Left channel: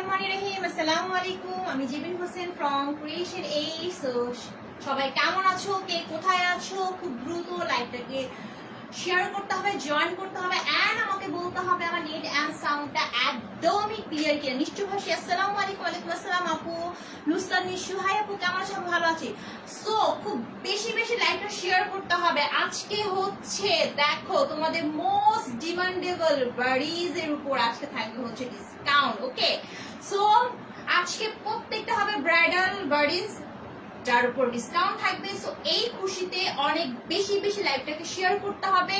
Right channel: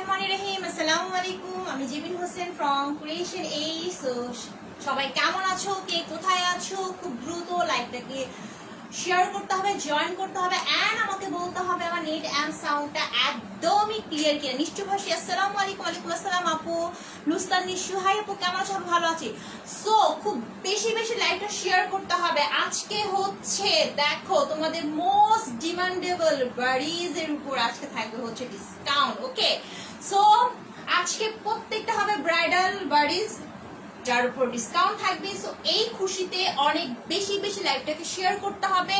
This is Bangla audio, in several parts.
বিসমিল্লাহিররহমানিররহিম। আসসালামু আলাইকুম। আমি জিবিন হোসেন ফ্রম ক্রিয়েশন এই। সবাই কেমন আছো, কে কোথায় আছো? খুব দ্রুত লাইভটাকে শেয়ার করতে হবে, জয়েন করতে হবে, এন্ড আমাকে বলতে হবে আমার নেট এন্ড সাউন্ডটা একদমই ক্লিয়ার কিনা। নিশ্চয় ভাসি আসসালামু আলাইকুম। ওয়ালাইকুম আসসালাম আপু নুসরাত নিশু। হাই আপু, কেমন আছো? ভালো আছি। সো খুব বেশি বেশি লাইভটা শেয়ার করতে হবে। আজকে হচ্ছে দেখো তোমাদের মোস্ট ডিমান্ডেবল বাড়িজ এর উপর আজকে থাকবে হচ্ছে ডিসকাউন্ট। ওকে, সো আজকে প্রত্যেকটা হবে ব্রাইডাল বাড়িজ যার উপর ডিসকাউন্ট থাকবে। সো এই খুশিতে অনেক বেশি বেশি লাইভটাকে শেয়ার করতে হবে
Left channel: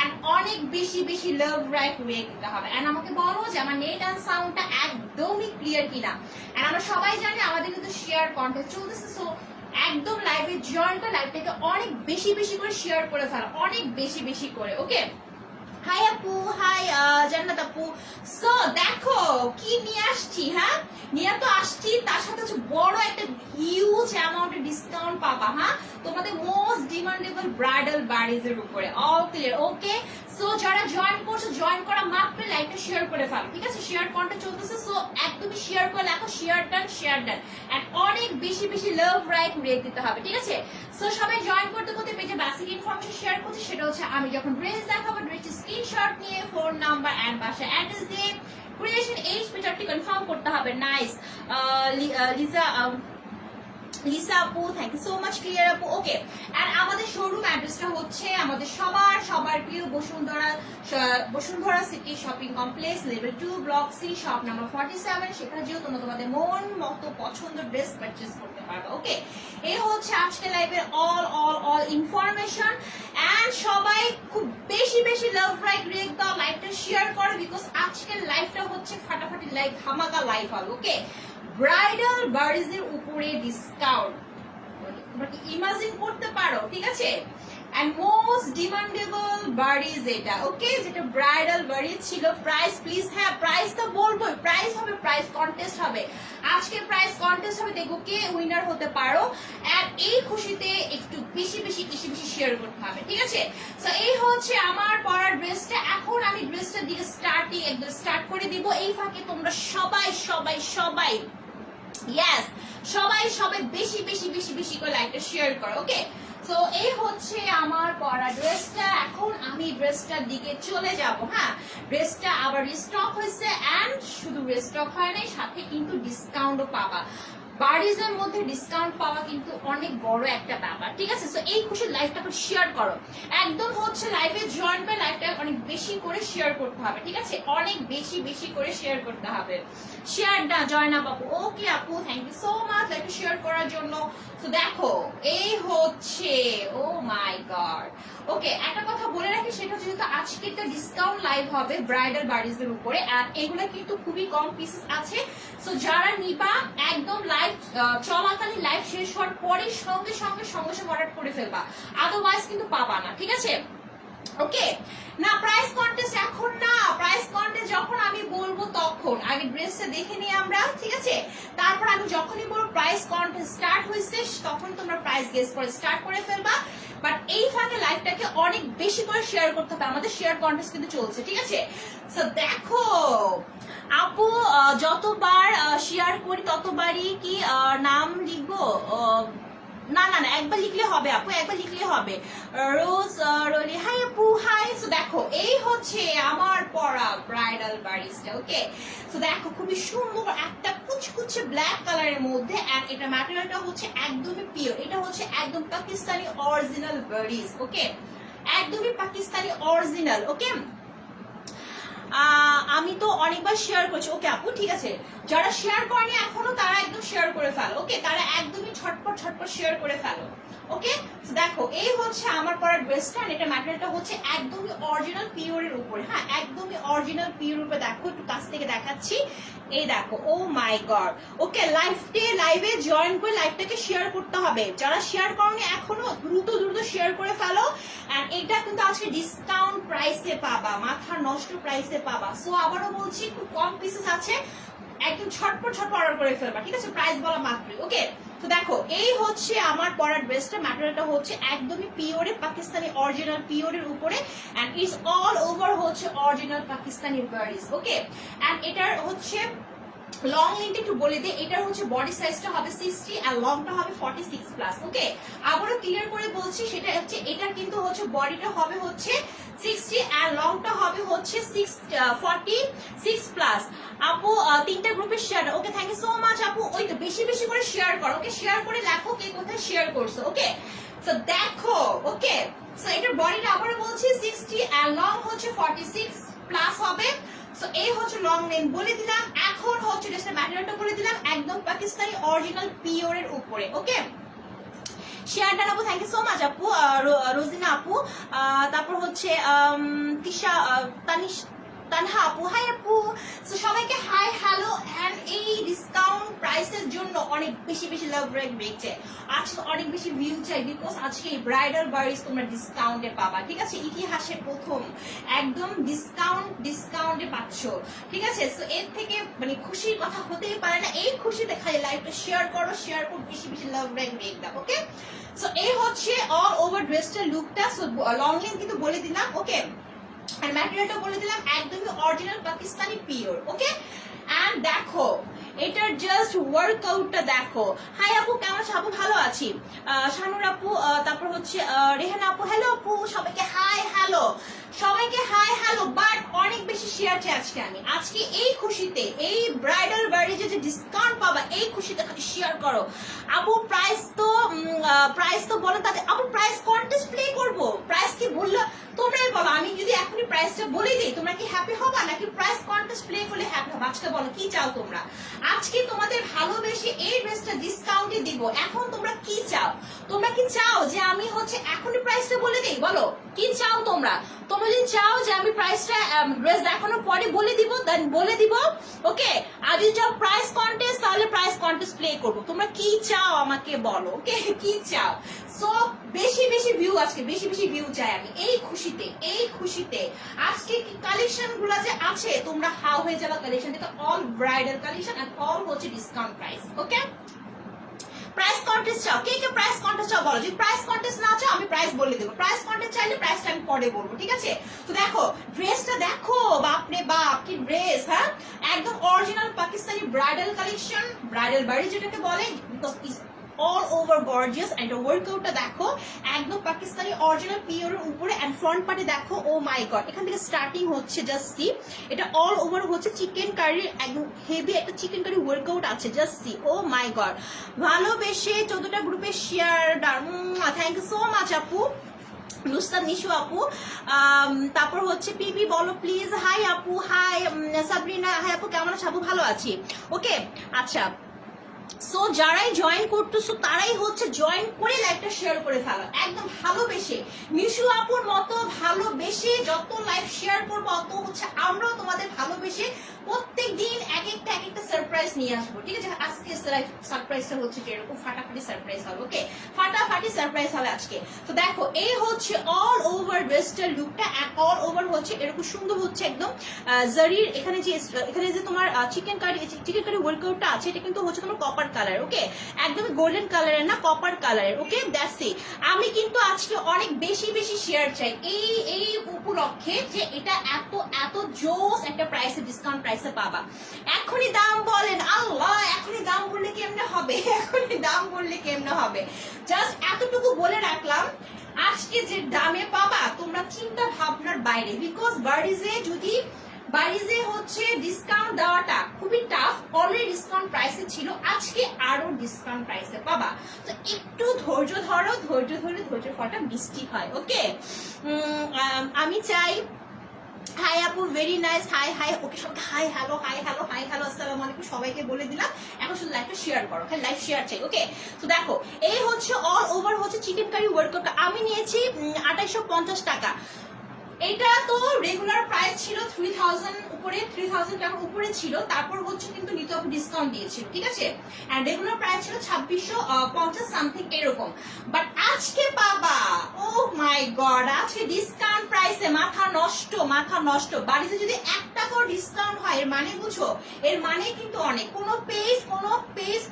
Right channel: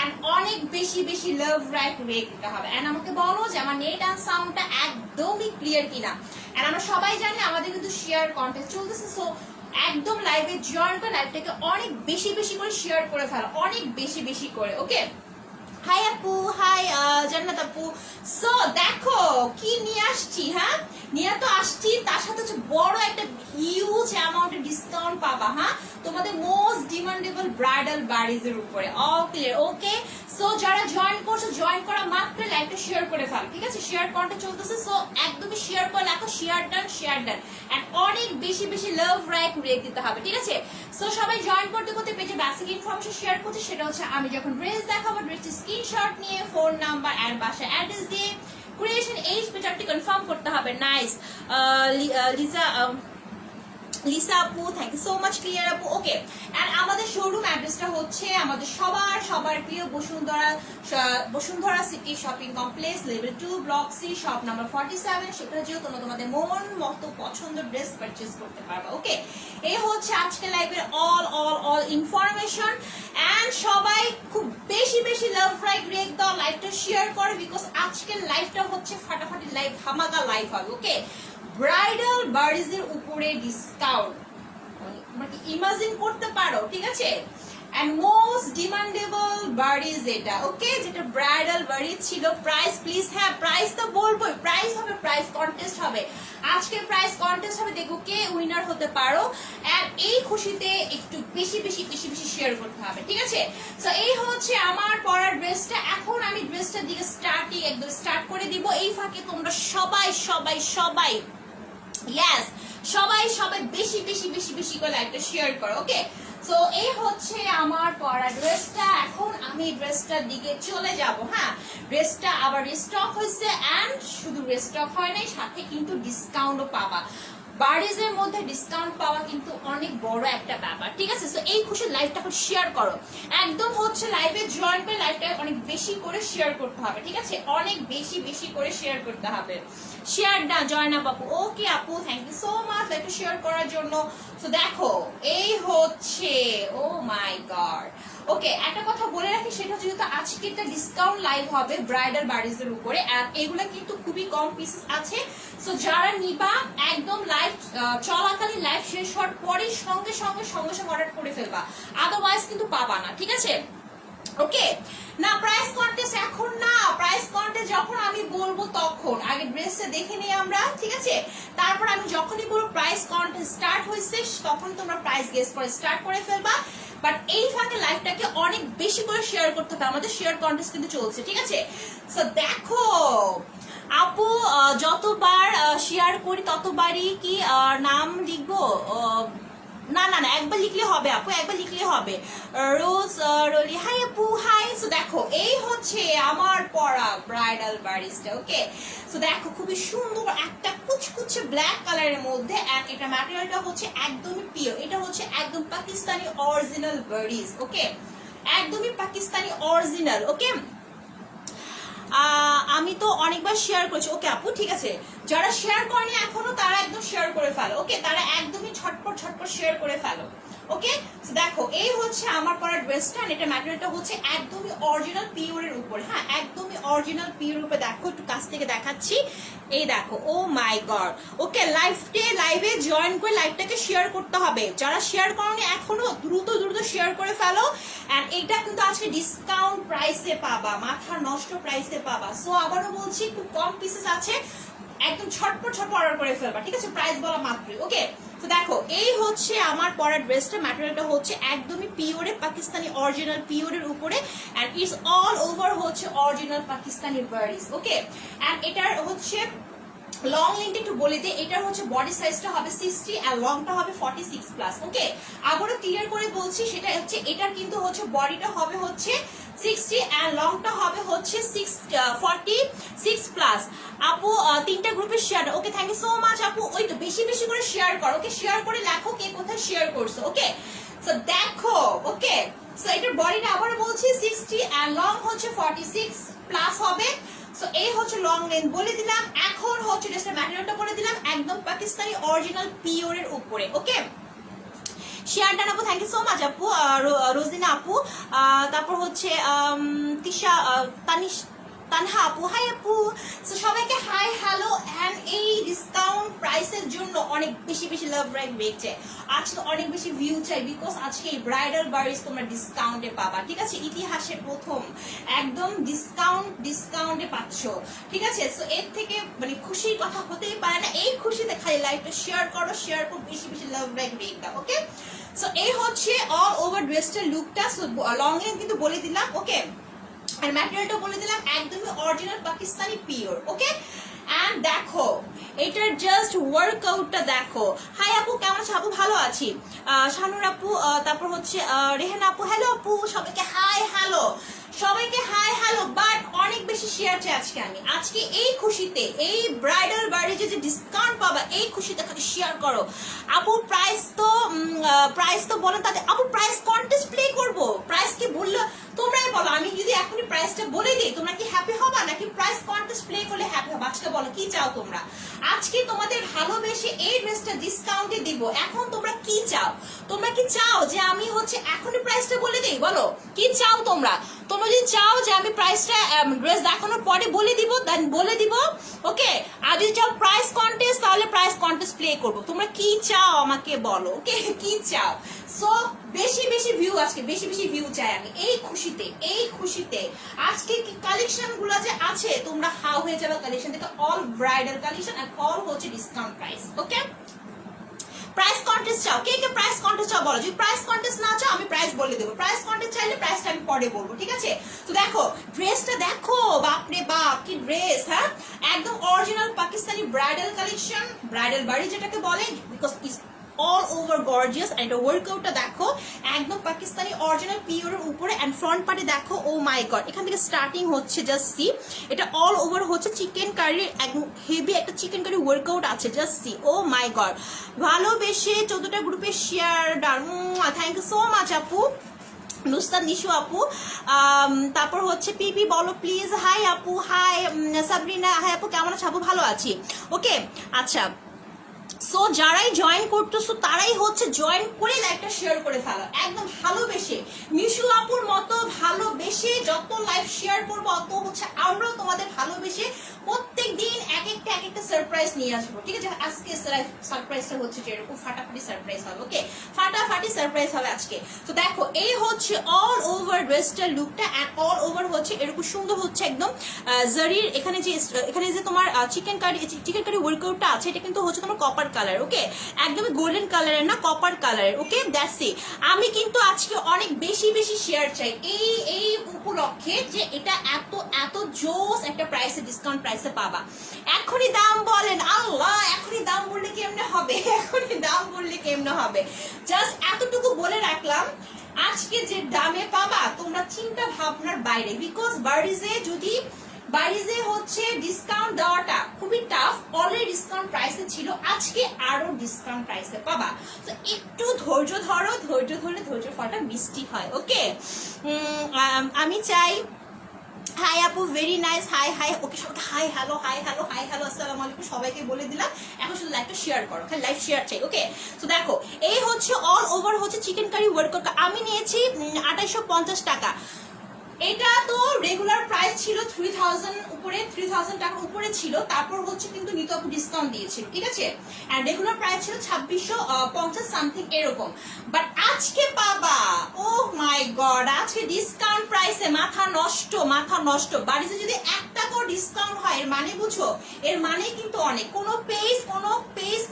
এন্ড অনেক বেশি বেশি লাভ রাইট রেট দিতে হবে। এন্ড আমাকে বলো যে আমার নেট এন্ড সাউন্ডটা একদমই ক্লিয়ার কিনা। এন্ড আমরা সবাই জানি আমাদের কিন্তু শেয়ার কন্টেস্ট চলতেছে। সো একদম লাইভে জয়েন করে লাইভটাকে অনেক বেশি বেশি করে শেয়ার করে ফেলো, অনেক বেশি বেশি করে। ওকে, হাই আপু, হাই জান্নাত আপু। সো দেখো কি নিয়ে আসছি। হ্যাঁ, নিয়ে তো আসছি, তার সাথে হচ্ছে বড় একটা হিউজ অ্যামাউন্টের ডিসকাউন্ট পাবা। হ্যাঁ, তোমাদের মোস্ট ডিমান্ডেবল ব্রাইডাল বাড়িজ এর উপরে। All clear? ওকে, সো যারা জয়েন করছো, জয়েন করা মাত্র লাইভটা শেয়ার করে ফেলো। ঠিক আছে, শেয়ার কন্টেন্ট চলতেছে। সো একদমই শেয়ার করে লেখো share done, share done, and অনেক বেশি বেশি লাভ রাইট রেট দিতে হবে। ঠিক আছে, সো সবাই জয়েন করতে করতে পেজে বেসিক ইনফরমেশন শেয়ার করছি। সেটা হচ্ছে আমি যখন ড্রেস দেখাবো, ড্রেসের স্ক্রিনশট নিয়ে ফোন নাম্বার এন্ড বাসা অ্যাড্রেস দিয়ে ক্রিয়েশন এইচ পেজটি কনফার্ম করতে হবে। নাইস লিসা আপু, thank you so much. Clear আপু? ওকে, আর আমাদের শোরুম অ্যাড্রেসটা হচ্ছে আমাদের সবার প্রিয় Bashundhara city shopping complex, level 2, block C, shop number 47। সেখানে যেও তোমরা তোমাদের মন মতো পছন্দের ড্রেস পারচেজ করতে পারবে। ওকে, এই হচ্ছে আজকে লাইভের অল ইনফরমেশন। এন্ড সবাই খুব বেশি বেশি লাভ লাইক রেক দাও, লাইভটা শেয়ার করো, বিকজ আজকের লাইভটা হচ্ছে ফাটাফাটি লাইভ, ধামাকা লাইভ হবে। ওকে, ব্রাইডাল বাড়িজ এর উপরে ডিসকাউন্ট, তোমরা কি ইমাজিন করতে পারো? ঠিক আছে, এন্ড মোস্ট ডিমান্ডেবল বাড়িজ এটা। ওকে, যেটা ব্রাইডাল বাড়িজ ছিল। প্রাইস প্লিজ, হ্যাঁ প্রাইস তো বলবোই, প্রাইস হবে, প্রাইস কন্টেস্ট হবে। আজকে প্রাইস কন্টেস্ট হবে, দেখো কে উইনার হতে পারো। এন্ড এই খুশিতে একটু বেশি বেশি বেশি বেশি শেয়ার করতে হবে। ঠিক আছে, সো এই হচ্ছে আমার পরার ড্রেসটা। এখন আমি ড্রেসটার দিকে একদম স্টার্ট করে দিব। এই ফাঁকে তোমরা সবাই সবাই সবাই ইয়েস সবাই বেশি বেশি বেশি বেশি করে লাইকটা শেয়ার করো। ওকে, সো এই হচ্ছে আমার পরা ড্রেসটা। এখন আমি ড্রেসটার দিকে চলে যাব। হ্যাঁ, ড্রেসটা আবার রিস্টক হয়েছে, এন্ড শুধু রিস্টক হয় নাই, সাথে কিন্তু ডিসকাউন্টও পাবা। বাড়িজের মধ্যে ডিসকাউন্ট পাওয়া কিন্তু অনেক বড় একটা ব্যাপার। ঠিক আছে, সো এই খুশি লাইভটা শেয়ার করো। একদম হচ্ছে লাইভে জয়েন করে লাইভটা অনেক বেশি করে শেয়ার করতে হবে। ঠিক আছে, অনেক বেশি বেশি করে শেয়ার করতে হবে। শেয়ার না জয়েন আপ আপু। ওকে আপু, থ্যাংক ইউ সো মাচ লাইভটা শেয়ার করার জন্য। সো দেখো এই হচ্ছে, ও মাই গড। ওকে, একটা কথা বলে রাখি, সেটা হচ্ছে যেহেতু আজকে একটা ডিসকাউন্ট লাইভ হবে ব্রাইডাল বাড়িজের উপরে, আর এগুলো কিন্তু খুবই কম পিসেস আছে। সো যারা নিবা একদম লাইভ চলাকালীন লাইভ শেষ হওয়ার পরে সঙ্গে সঙ্গে অর্ডার করে ফেলবা, আদারওয়াইজ কিন্তু পাবা না। ঠিক আছে, ওকে না প্রাইস কন্টেস্ট এখন না, প্রাইস কন্টেস্ট যখন আমি বলবো তখন। আগে ড্রেসটা দেখে নিই আমরা। ঠিক আছে, তারপর আমি যখনই বলবো প্রাইস কন্টেস্ট স্টার্ট হয়েছে, তখন তোমরা প্রাইস গেস করে স্টার্ট করে ফেলবা। বাট এই ফাঁকে লাইভটাকে অনেক বেশি করে শেয়ার করতে হবে, আমাদের শেয়ার কন্টেস্ট কিন্তু চলছে। ঠিক আছে, সো দেখো আপু, যতবার শেয়ার করি ততবারই কি নাম লিখবো? না না না, একবার লিখলে হবে আপু, একবার লিখলে হবে। রোজ রলি, হাই আপু, হাই। সো দেখো এই হচ্ছে আমার পরা ব্রাইডাল বাড়িজটা। ওকে, সো দেখো খুবই সুন্দর একটা কুচকুচে ব্ল্যাক কালারের মধ্যে, এটা ম্যাটেরিয়ালটা হচ্ছে একদমই পিওর, এটা হচ্ছে একদম পাকিস্তানি অরিজিনাল বাড়িজ। ওকে, একদমই পাকিস্তানি অরিজিনাল। ওকে, আমি তো অনেকবার শেয়ার করেছি। ওকে আপু, ঠিক আছে, যারা শেয়ার করেনি এখনো তারা একদম শেয়ার করে ফেলো। ওকে, তারা একদমই ছটপট শেয়ার করে ফেলো। ওকে, দেখো এই হচ্ছে আমার পরা ড্রেসটা, এটা ম্যাটেরিয়ালটা হচ্ছে একদমই অরিজিনাল পিওরের উপরে। হ্যাঁ, একদমই অরিজিনাল পিওর উপরে। দেখো একটু কাছ থেকে দেখাচ্ছি, এই দেখো, ও মাই গড। ওকে, লাইভে জয়েন করে লাইভটাকে শেয়ার করতে হবে। যারা শেয়ার করনি এখনো দ্রুত শেয়ার করে ফেলো। এন্ড এটা কিন্তু আজকে ডিসকাউন্ট প্রাইসে পাবা, মাথা নষ্ট প্রাইসে পাবা। সো আবারও বলছি, খুব কম পিসেস আছে, একদম ছটপট অর্ডার করে ফেলবা। ঠিক আছে, প্রাইস বলা মাত্রই। ওকে, তো দেখো এই হচ্ছে আমার পরা ড্রেসটা, ম্যাটেরিয়ালটা হচ্ছে একদমই পিওরে পাকিস্তানি অরিজিনাল পিওরের উপরে, এন্ড ইটস অল ওভার হচ্ছে অরিজিনাল পাকিস্তানি বাড়িজ। ওকে, এন্ড এটার হচ্ছে লং লেন্থ একটু বলে দিই, এটার হচ্ছে বডি সাইজটা হবে 60 আর লংটা হবে 46 প্লাস। ওকে, আবারও ক্লিয়ার করে বলছি, সেটা হচ্ছে এটার কিন্তু হচ্ছে বডিটা হবে হচ্ছে 60 আর লংটা হবে হচ্ছে 46 প্লাস। আপু তিনটা গ্রুপে share. Okay, thank you so much আপু। ওই তো বেশি বেশি করে শেয়ার করো। ওকে, শেয়ার করে লেখো কে কোথায় শেয়ার করছো। ওকে, সো দেখো। ওকে, সো এটার বডিটা আবারও বলছি 60 আর লং হচ্ছে 46 প্লাস হবে। সো এই হচ্ছে লং লেন্থ বলে দিলাম। এখন হচ্ছে জাস্ট ম্যাটেরিয়ালটা বলে দিলাম, একদম পাকিস্তানি অরিজিনাল পিওর এর উপরে। ওকে, শেয়ার ডান আপু, থ্যাংক ইউ সো মাচ আপু। রোজিনা আপু, তারপর হচ্ছে তিশা, তানহা আপু, হাই আপু। সো সবাইকে হাই হ্যালো এন্ড এই ডিসকাউন্ট প্রাইসের জন্য অনেক বেশি বেশি লাভ রাখবে। আজকে অনেক বেশি ভিউ চাই, বিকজ আজকে এই ব্রাইডাল বারিস তোমরা ডিসকাউন্টে পাবা। ঠিক আছে, ইতিহাসের প্রথম একদম ডিসকাউন্টে পাচ্ছ। ঠিক আছে, সো এর থেকে মানে খুশির কথা হতেই পারে না। এই খুশিতে খালি লাইভটা শেয়ার করো, বেশি বেশি লাভ রাখবে এটা। ওকে, সো এই হচ্ছে অল ওভার ড্রেসটার লুকটা। সো লং লেন্থ কিন্তু বলে দিলাম। ওকে, আর ম্যাটেরিয়ালটা বলে দিলাম একদমই original Pakistani pure. Okay, and দেখো এটার জাস্ট ওয়ার্কআউটটা দেখো। হাই আপু, কেমন আছো আপু? ভালো আছি। শানুর আপু, তারপর হচ্ছে রেহানা আপু, হ্যালো আপু। সবাইকে হাই হ্যালো, সবাইকে হাই হ্যালো। বাট অনেক বেশি শেয়ার চাই আজকে আমি। আজকে এই খুশিতে, এই ব্রাইডাল বাড়িতে যে ডিসকাউন্ট পাবা, এই খুশিতে খালি শেয়ার করো। আপু প্রাইস তো বলো তাদের। আপু প্রাইস কন্টেস্ট প্লে করবো, প্রাইস কি বললো তোমরাই বলো। আমি যদি এখনই প্রাইসটা বলে দিই, তোমরা কি হ্যাপি হবা নাকি প্রাইস কন্টেস্ট প্লে করলে হ্যাপি হবা? আজকে বলো কি চাও তোমরা। আজকে তোমাদের ভালোবেসে এই ড্রেসটা ডিসকাউন্টে দিব। এখন তোমরা কি চাও? তোমরা কি চাও যে আমি হচ্ছে এখনই প্রাইসটা বলে দিই? বলো কি চাও তোমরা। তোমরা যদি চাও যে আমি প্রাইসটা ড্রেস দেখানোর পরে বলে দিব, দেন বলে দিব। ওকে, আর যদি চাও প্রাইস কন্টেস্ট, তাহলে প্রাইস কন্টেস্ট প্লে করবো। তোমরা কি চাও আমাকে বলো। ওকে, কি চাও? সো বেশি বেশি ভিউ, আজকে বেশি বেশি ভিউ চাই আমি এই খুশিতে। আজকে কালেকশন গুলো যে আছে, তোমরা হাও হয়ে যাবে কালেকশন থেকে। অল ব্রাইডাল কালেকশন আর অল হচ্ছে ডিসকাউন্ট প্রাইস। ওকে, প্রাইস কন্টেস্ট চাও, কে কে প্রাইস কন্টেস্ট চাও বলো। যদি প্রাইস কন্টেস্ট না চাও, আমি প্রাইস বলে দেবো। প্রাইস কন্টেস্ট চাইলে প্রাইসটা আমি পরে বলবো। ঠিক আছে, তো দেখো ড্রেসটা দেখো, বাপরে বাপ কি ড্রেস। হ্যাঁ, একদম original Pakistani bridal collection, bridal বাড়ি যেটাকে বলে, because all over gorgeous and the workoutটা দেখো একদম পাকিস্তানি অরিজিনাল পিওরের উপরে। এন্ড ফ্রন্ট পার্টে দেখো, ও মাই গড, এখান থেকে স্টার্টিং হচ্ছে জাস্ট সি। এটা অল ওভার হচ্ছে চিকেন কারি, একদম হেভি একটা চিকেন কারি ওয়ার্কআউট আছে, just see. Oh my god, ভালোবেসে 14টা গ্রুপে share done. Thank you so much আপু। নুসরাত নিশু আপু, তারপর হচ্ছে পিপি বলো প্লিজ। হাই আপু, হাই সাবরিনা, হাই আপু, কেমন আছো আপু? ভালো আছি। ওকে, আচ্ছা, সো যারাই জয়েন করতেছো তারাই হচ্ছে জয়েন করে লাইভটা শেয়ার করে ফেলো একদম ভালোবেসে। মিশু আপুর মতো ভালোবেসে যত লাইভ শেয়ার করবো, অত হচ্ছে আমরাও তোমাদের ভালোবেসে প্রত্যেক দিন এক একটা সারপ্রাইজ নিয়ে আসবো। ঠিক আছে, আজকে সারপ্রাইজটা হচ্ছে যে এরকম ফাটাফাটি সারপ্রাইজ হবে। ওকে, ফাটাফাটি সারপ্রাইজ হবে আজকে। তো দেখো এই হচ্ছে অল ওভার ড্রেসটার লুকটা। অল ওভার হচ্ছে এরকম সুন্দর হচ্ছে একদম জারির। এখানে যে তোমার চিকেন কারি ওয়ার্কআউটটা আছে, এটা কিন্তু হচ্ছে তোমার কপার কালার। ওকে, একদম গোল্ডেন কালারের না, কপার কালারের। ওকে, দ্যাটস ইট। আমি কিন্তু আজকে অনেক বেশি বেশি শেয়ার চাই এই উপলক্ষে, যে এটা এত জোস একটা প্রাইসে, ডিসকাউন্ট প্রাইসে পাবা। এখনই দাম বলেন আল্লাহ, এখনই দাম বললে কেমনে হবে, এখনই দাম বললে কেমনে হবে। জাস্ট এতটুকু বলে রাখলাম, আজকে যে দামে পাবা তোমরা চিন্তা ভাবনার বাইরে। বিকজ বাড়িতে হচ্ছে ডিসকাউন্ট দেওয়াটা খুবই টাফ। অলরেডি ডিসকাউন্ট প্রাইসে ছিল, আজকে আরো ডিসকাউন্ট প্রাইসে পাবা। তো একটু ধৈর্য ধরো, ধৈর্য ধরলে ধৈর্য ফলটা মিষ্টি হয়। ওকে, আমি চাই। হাই আপু, very nice. Hi hi. Okay, সবাইকে hi hello, hi hello, hi hello, আসসালামু আলাইকুম সবাইকে বলে দিলাম। এখন শুধু লাইভটা শেয়ার করো, খালি লাইভ শেয়ার চাই। ওকে, তো দেখো এই হচ্ছে অল ওভার হচ্ছে চিকেন কারি ওয়ার্কআউটটা। আমি নিয়েছি 2850 টাকা। এটা তো রেগুলার প্রাইস ছিল 3000 উপরে, 3000 টাকার উপরে ছিল। তারপর হচ্ছে কিন্তু নিতপ ডিসকাউন্ট দিয়েছিল। ঠিক আছে, আর রেগুলার প্রাইস ছিল 2650 সামথিং এরকম। বাট আজকে পাবা, ও মাই গড, আজকে ডিসকাউন্ট প্রাইসে। মাথা নষ্ট। বাড়িতে যদি 1 টাকাও ডিসকাউন্ট হয়, এর মানে বুঝো, এর মানে কিন্তু অনেক। কোনো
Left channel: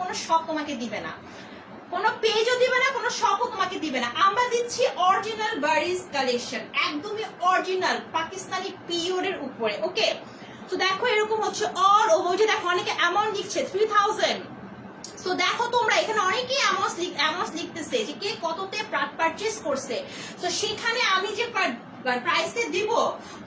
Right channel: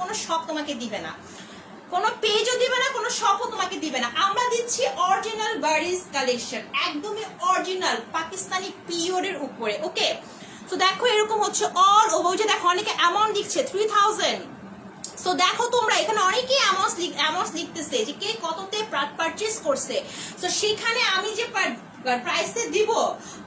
কোনো শপ তোমাকে দিবে না, কোনো পেজও দিবে না, কোনো শপও তোমাকে দিবে না। আমরা দিচ্ছি অরিজিনাল বারিস কালেকশন, একদমই অরিজিনাল পাকিস্তানি পিওরের উপরে। ওকে, তো দেখো এরকম হচ্ছে অল ওভার, যে দেখো অনেকে অ্যামাউন্ট লিখছে 3000। সো দেখো তোমরা এখানে অনেকেই অ্যামাউন্ট লিখতেছে যে কে কততে পারচেজ করছে। তো সেখানে আমি যে প্রাইসে দিব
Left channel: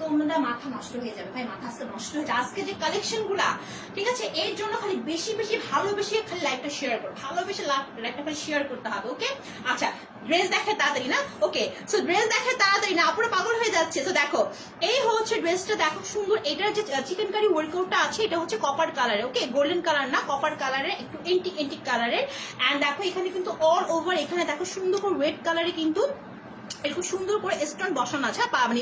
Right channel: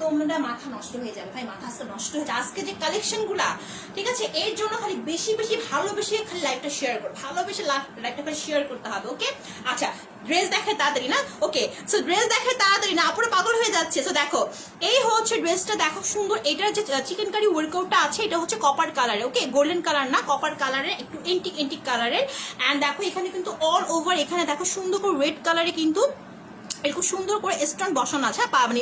তোমরা মাথা নষ্ট হয়ে যাবে ভাই, মাথা আজকে নষ্ট হয়ে যাবে আজকে যে কালেকশন গুলা, ঠিক আছে? এর জন্য খালি বেশি বেশি ভালোবেসে খালি লাইকটা শেয়ার করো, ভালোবেসে লাইকটা খালি শেয়ার করতে হবে, ওকে? আচ্ছা ড্রেস দেখে তাড়াতাড়ি না, ওকে? সো ড্রেস দেখে তাড়াতাড়ি না, পুরো পাগল হয়ে যাচ্ছে। সো দেখো এই হচ্ছে ড্রেসটা, দেখো সুন্দর। এটার যে চিকেন কারি ওয়ার্কআউটটা আছে এটা হচ্ছে কপার কালারে, ওকে? গোল্ডেন কালার না, কপার কালারে, একটু এন্টিক কালারের। এন্ড দেখো এখানে কিন্তু অল ওভার এখানে দেখো সুন্দর করে রেড কালারে কিন্তু এরকম সুন্দর করে স্টোন বসানো আছে, মানে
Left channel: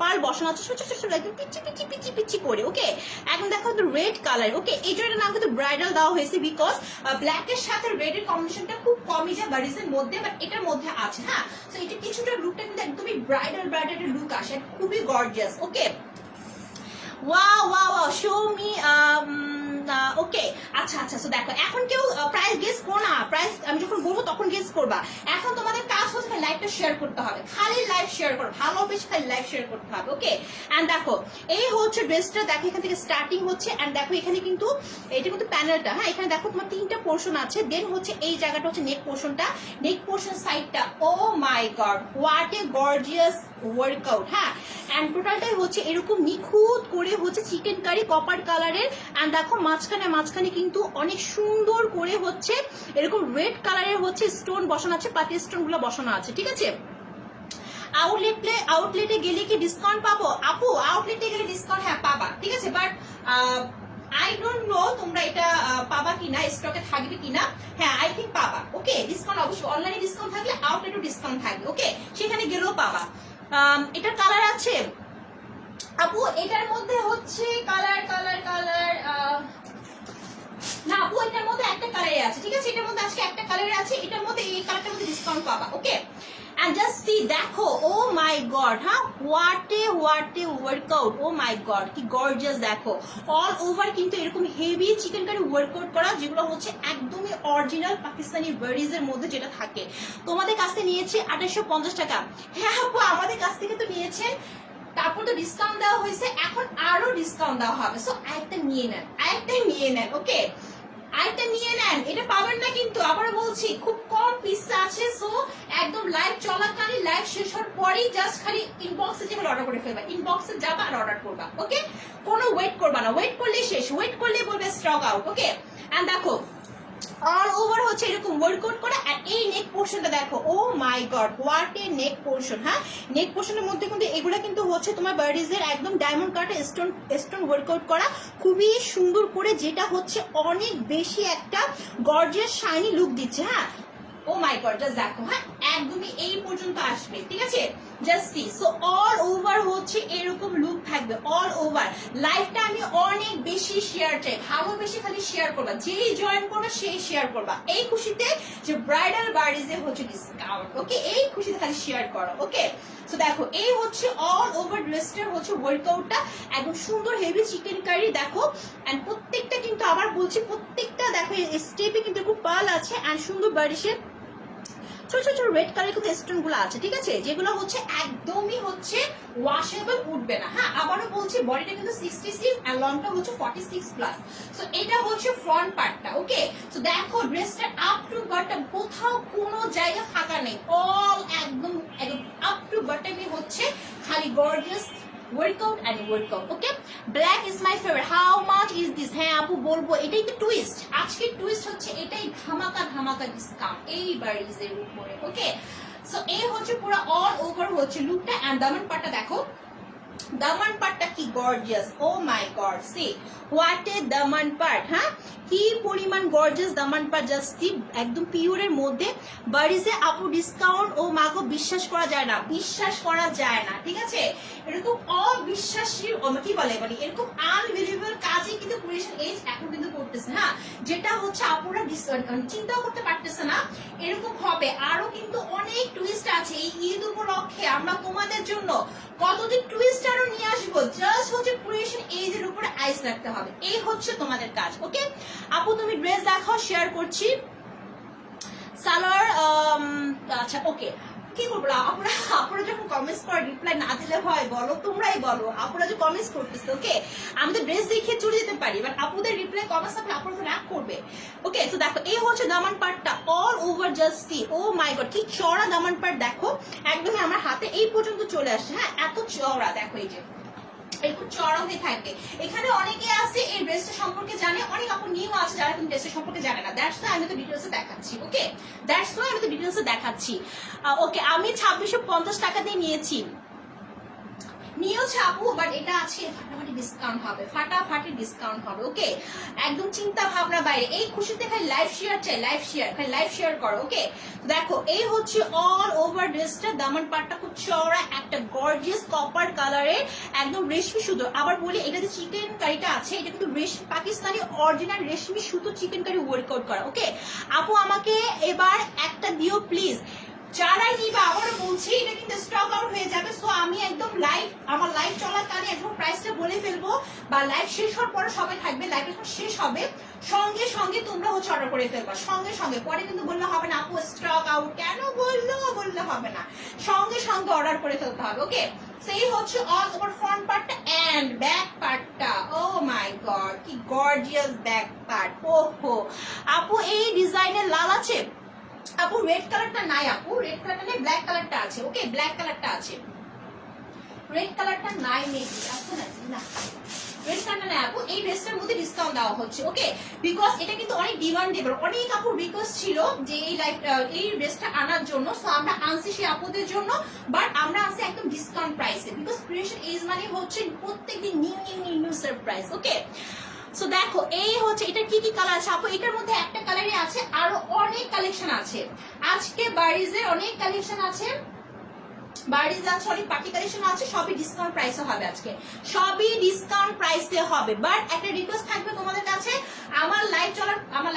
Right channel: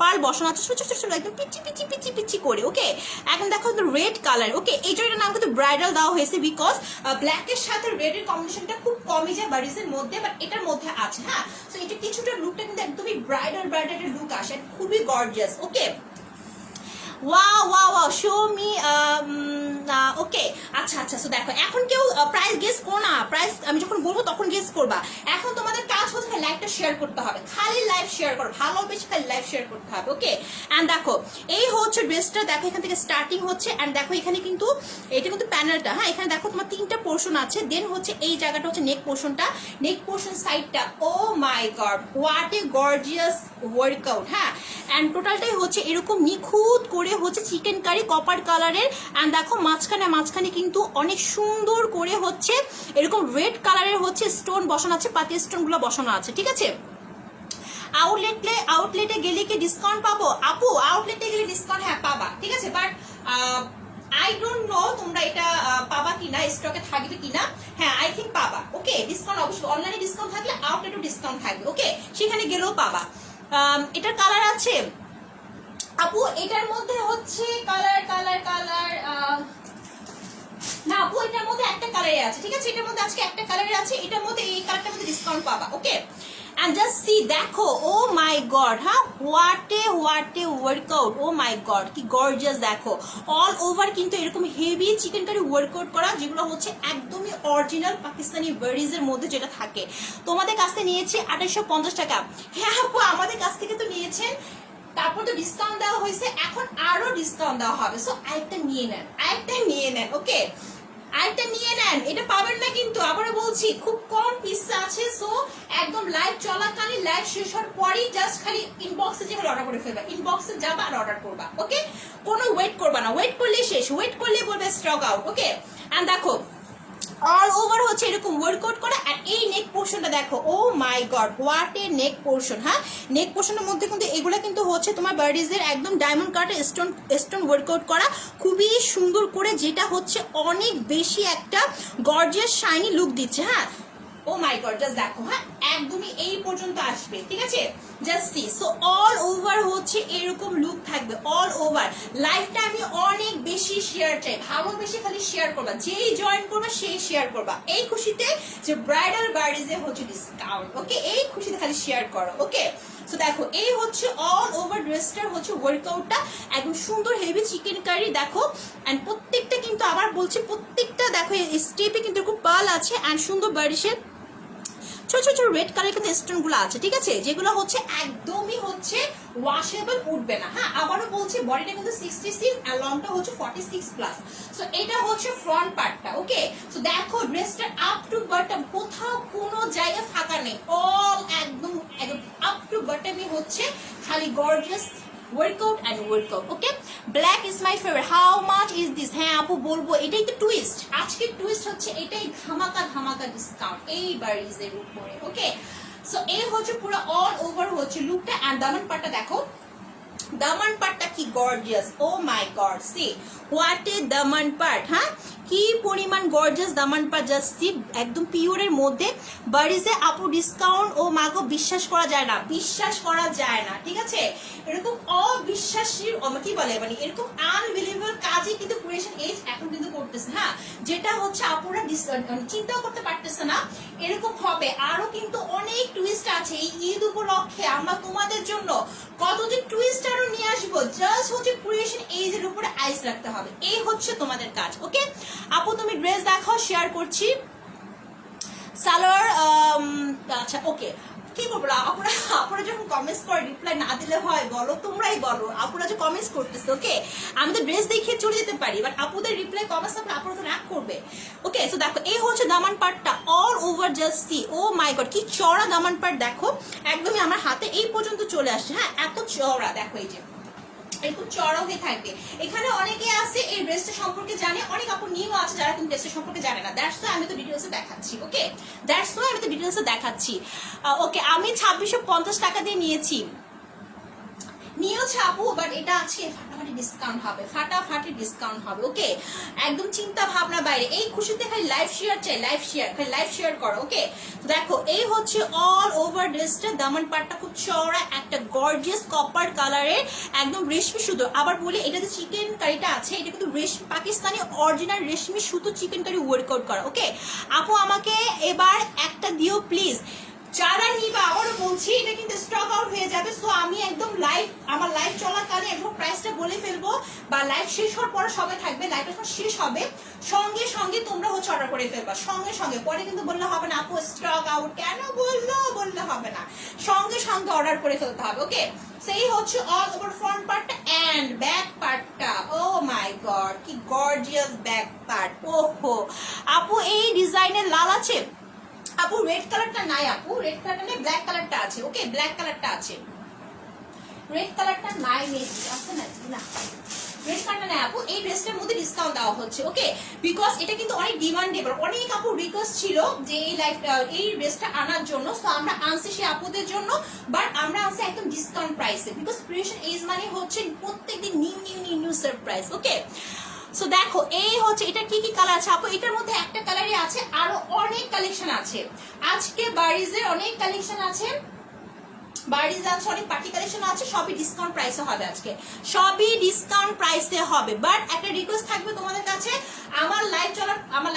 পার্ল বসানো আছে ছোট ছোট ছোট একদম পিচি পিচি পিচি পিচি করে, ওকে? এখন দেখো রেড কালার, ওকে? এই জন্য নাম কিন্তু ব্রাইডাল দেওয়া হয়েছে বিকজ ব্ল্যাক এর সাথে রেড এর কম্বিনেশনটা খুব কমই যায় বারিজের মধ্যে, বাট এটার মধ্যে আছে, হ্যাঁ? তো এটা কিছুটা লুকটা কিন্তু একদমই ব্রাইডাল এর লুক আসে, খুবই gorgeous, okay? Wow wow wow, show me. Okay আচ্ছা আচ্ছা, সো দেখো এখন কেউ প্রাইস গেস করো না, প্রাইস আমি যখন বলবো তখন গেস করবা। এখন তোমাদের কাজ হচ্ছে লাইভটা শেয়ার করতে হবে, খালি লাইভ শেয়ার করো, ভালোবেসে খালি লাইভ শেয়ার করতে হবে, ওকে? এন্ড দেখো এই হচ্ছে ড্রেসটা, দেখো এখান থেকে স্টার্টিং হচ্ছে। এন্ড দেখো এখানে কিন্তু এটা কিন্তু প্যানেলটা, হ্যাঁ? এখানে দেখো তোমার 3টা পোর্শন আছে। দেন হচ্ছে এই জায়গাটা হচ্ছে নেক পোর্শনটা, নেক পোর্শন সাইডটা, oh my god what a gorgeous workout, হ্যাঁ? এন্ড টোটালটাই হচ্ছে এরকম নিখুঁত করে হচ্ছে চিকেন কারি কপার কালারের। এন্ড দেখো মাঝখানে কিন্তু অনেক সুন্দর করে হচ্ছে এরকম রেড কালারের হচ্ছে স্টোন বসানো আছে, পাতি স্টোন গুলো বসানো আছে, ঠিক আছে? আউটলেটে গেলে কি ডিসকাউন্ট পাবো? আপু আউটলেটে গেলে ডিসকাউন্ট হ্যাঁ পাবা, ঠিক আছে? বাট আই ডোন্ট নো তোমরা এটা পাবা কিনা, স্টকে থাকবে কিনা। হ্যাঁ আই থিঙ্ক পাবা, ওকে? ডিসকাউন্ট অবশ্যই, অনলাইনে ডিসকাউন্ট থাকলে আউটলেটও ডিসকাউন্ট থাকবে, ওকে? সেখানে গেলেও পাবা। এটার কালার আছে আপু, এটার মধ্যে হচ্ছে কালার না আপু, এটার মধ্যে একটা কালারে আছে, ঠিক আছে? এটার মধ্যে আজকে একটা কালারে আছে, এটার মধ্যে এই কালারটার মধ্যে ডিসকাউন্ট পাবা, ওকে? এন্ড জাস্ট সি, দেখো ও মাই গড, হ্যাঁ what a workout, oh my god কি গর্জিয়াস। দেখো অল ওভার কিন্তু এরকম হেভি চিকেন কারি ওয়ার্কআউট করা, যেগুলো হচ্ছে একদমই অরিজিনাল পাকিস্তানি বারিজ এর মধ্যে যেটা থাকে। তোমাদের কাছ থেকে নিয়েছে 2850 টাকা। হ্যাঁ আপু আমাদের কাছ থেকে তো নিয়েছেন, তারপর তো ডিসকাউন্ট দেওয়া হয়েছে, এখন আরো ডিসকাউন্ট দেওয়া হবে। সো আরেকটা নিয়ে নেন, ওকে? আরেকটা নিয়ে নেন, এটা পাবেন না কিন্তু, আবারও বলছি খুব কম পিস আছে। সো একদম লাইভ চলাকালীন, লাইভ শেষ হওয়ার পরেই জাস্ট খালি ইনবক্সে যে অর্ডার করে ফেলবা, ইনবক্সে যাবা আর অর্ডার করবা, ওকে? কোনো ওয়েট করবা না, ওয়েট করলে শেষ, ওয়েট করলে বলবে স্টক আউট, ওকে? এন্ড দেখো অল ওভার হচ্ছে এরকম ওয়ার্কআউট করা। আর এই নেক পোর্শনটা দেখো, oh my god what a neck portion, হ্যাঁ? নেক পোর্শনের মধ্যে কিন্তু এগুলো কিন্তু হচ্ছে তোমার বারিজের একদম ডায়মন্ড কাটে স্টোন ওয়ার্কআউট করা, খুবই সুন্দর করে, যেটা হচ্ছে অনেক বেশি একটা গর্জিয়াস শাইনি লুক দিচ্ছে, হ্যাঁ? ও মাই গড জাস্ট দেখো, হ্যাঁ একদমই এই পর্যন্ত আসবে, ঠিক আছে? Just C. So all over হচ্ছে এরকম লুক থাকবে, অল ওভার। লাইফটা আমি অনেক বেশি শেয়ার চাই, ভালোবেসে খালি শেয়ার করবা, যেই জয়েন করবা সেই শেয়ার করবা, এই খুশিতে যে ব্রাইডাল বারিজে হচ্ছে ডিসকাউন্ট, ওকে? এই খুশিতে খালি শেয়ার করো, ওকে? সো দেখো এই হচ্ছে অল ওভার ড্রেসটার হচ্ছে ওয়ার্কআউটটা, একদম সুন্দর হেভি চিকেন কারি, দেখো। এন্ড প্রত্যেকটা কিন্তু আবার বলছি, প্রত্যেকটা দেখো স্টেপে কিন্তু খুব পার্ল আছে এন্ড সুন্দর বারিশের ছোট ছোট রেড কালার কিন্তু স্টোন গুলো আছে, ঠিক আছে? যেগুলো হচ্ছে একদমই হচ্ছে ওয়াশেবল, উঠবে না, হ্যাঁ? আবারও বলছি বডিটা কিন্তু 66 আর লংটা হচ্ছে 46 প্লাস। সো এটা হচ্ছে ফ্রন্ট পার্টটা, ওকে? সো দেখো ড্রেসটা আপ টু বটম কোথাও কোনো জায়গা ফাঁকা নেই, অল একদম আপ টু বটমই হচ্ছে খালি gorgeous workout and workout, okay? Black is my favourite, how much is this? হ্যাঁ আপু বলবো, এটাই তো টুইস্ট, আজকে টুইস্ট হচ্ছে এটাই, ধামাকা ডিসকাউন্ট এই বারিজের উপরে, ওকে? সো এই হচ্ছে পুরো অল ওভার হচ্ছে লুকটা। এন্ড দামান পাটটা দেখো, দামান পাটটা কি gorgeous, oh my god see what a দামান পাট, হ্যাঁ কি পরিমাণ গর্জিয়াস দামান পাট, জাস্ট সি একদম পিওরের মধ্যে বারিজে আপু ডিসকাউন্ট, ও মাগো বিশ্বাস করা যায় না, ঠিক আছে? এরকম অবিশ্বাসীর কি বলে মানে এরকম আনবিলিভেবল কাজই কিন্তু ক্রিয়েশন এজ এখন কিন্তু করতেছে, হ্যাঁ? যেটা হচ্ছে আপুরা চিন্তাও করতে পারতেছে না এরকম হবে। আরো কিন্তু অনেক টুইস্ট আছে এই ঈদ উপলক্ষে, আমরা তোমাদের জন্য কতদিন টুইস্ট আরো নিয়ে আসবো, জাস্ট হচ্ছে ক্রিয়েশন এজ এর উপরে আইস রাখতে হবে, এই হচ্ছে তোমাদের কাজ, ওকে? আপু তুমি ড্রেস দেখাও, শেয়ার করছি। সালোয়ার আচ্ছা ওকে, কি করবো আপুরা, আপুরা যখন কমেন্টস করে রিপ্লাই না দিলে হয় বলো, তোমরাই বলো, আপুরা যে কমেন্টস করতেছে। ওকে, আমি তো ড্রেস দেখিয়ে চলে যেতে পারি, বাট আপুদের রিপ্লাই কমেন্টস থাকলে আপুরা তো রাগ করবে। ওকে, তো দেখো এই হচ্ছে দামান পার্টটা, all over just see, oh my god কি চওড়া দামান পার্ট, দেখো একদমই আমার হাতে এই পর্যন্ত চলে আসছে। হ্যাঁ, এত চওড়া, দেখো এই যে একটু চড়া হয়ে থাকবে। এখানে অনেকে আছে এই ড্রেসটা সম্পর্কে জানে, অনেক আপু নিউ আছে যারা কিন্তু ড্রেসটা সম্পর্কে জানে না। দ্যাটস ওয়াই আমি তো ডিটেইলসে দেখাচ্ছি। ওকে, দ্যাটস ওয়াই আমি তো ডিটেইলসে দেখাচ্ছি। ওকে, আমি 2650 টাকা দিয়ে নিয়েছি, নিয়েছে আপু, বাট এটা আছে ফাটাফাটি ডিসকাউন্ট হবে, ফাটাফাটি ডিসকাউন্ট হবে। ওকে, একদম চিন্তা ভাবনা বাইরে। এই খুশিতে খালি লাইভ শেয়ার চাই, লাইভ শেয়ার, খালি লাইভ শেয়ার করো। ওকে, দেখো এই হচ্ছে অল ওভার ড্রেসটা, দামান পাটটা খুব চওড়া, একটা গর্জিয়াস কপার কালারের একদম রেশমি সুতো। আবার বলি এটা যে চিকেন কারিটা আছে, এটা কিন্তু রেশমি পাকিস্তানি অরিজিনাল রেশমি সুতো চিকেন কারি ওয়ার্কআউট করা। ওকে আপু, আমাকে এবার একটা দিও প্লিজ। যারা নিবা আবার বলছি এটা কিন্তু স্টক আউট হয়ে যাবে। সো আমি একদম লাইভ, আমার লাইভ চলাকালীন একদম প্রাইসটা বলে ফেলবো, বা লাইভ শেষ হওয়ার পরে সবাই থাকবে, লাইভ যখন শেষ হবে সঙ্গে সঙ্গে তোমরা হচ্ছে অর্ডার করে ফেলবা, সঙ্গে সঙ্গে। পরে কিন্তু বললে হবে না আপু স্টক আউট কেন বললে হবে না, সঙ্গে সঙ্গে অর্ডার করে ফেলতে হবে। ওকে, সেই হচ্ছে অল ওভার ফ্রন্ট পার্টটা এন্ড ব্যাক পার্টটা। ও মাই গড কি গর্জিয়াস ব্যাক পার্ট। ওহো আপু, এই ডিজাইনের লাল আছে আপু, রেড কালারটা নাই আপু, রেড কালারটা নেই, ব্ল্যাক কালারটা আছে। ওকে, ব্ল্যাক কালারটা আছে, রেড কালারটা নাই, মেবি আছে না, রেড কালারটা নাই আপু। এই ড্রেসটার মধ্যে ডিসকাউন্ট দেওয়া হচ্ছে। ওকে, বিকজ এটা কিন্তু অনেক ডিমান্ডেবল, অনেক আপু রিকোয়েস্ট ছিল যে এই ড্রেসটা আনার জন্য। সো আমরা আনছি সেই আপুদের জন্য, বাট আমরা আনছি একদম ডিসকাউন্ট প্রাইসে, বিকজ ক্রিয়েশন এজ মানে হচ্ছে প্রত্যেকদিন নিউ সারপ্রাইজ। ওকে, সো দেখো এই হচ্ছে এটা কি কি কালার আছে আপু, এটার মধ্যে একটা কালারই আছে, আরো অনেক কালেকশন আছে আজকে। বারিজের অনেক কালেকশন আছে, বারিজ আছে, অনেক পার্টি কালেকশন আছে, সবই ডিসকাউন্ট প্রাইসে হবে আজকে, সবই ডিসকাউন্ট প্রাইসে হবে। বাট একটা রিকোয়েস্ট থাকবে তোমাদের কাছে, আমার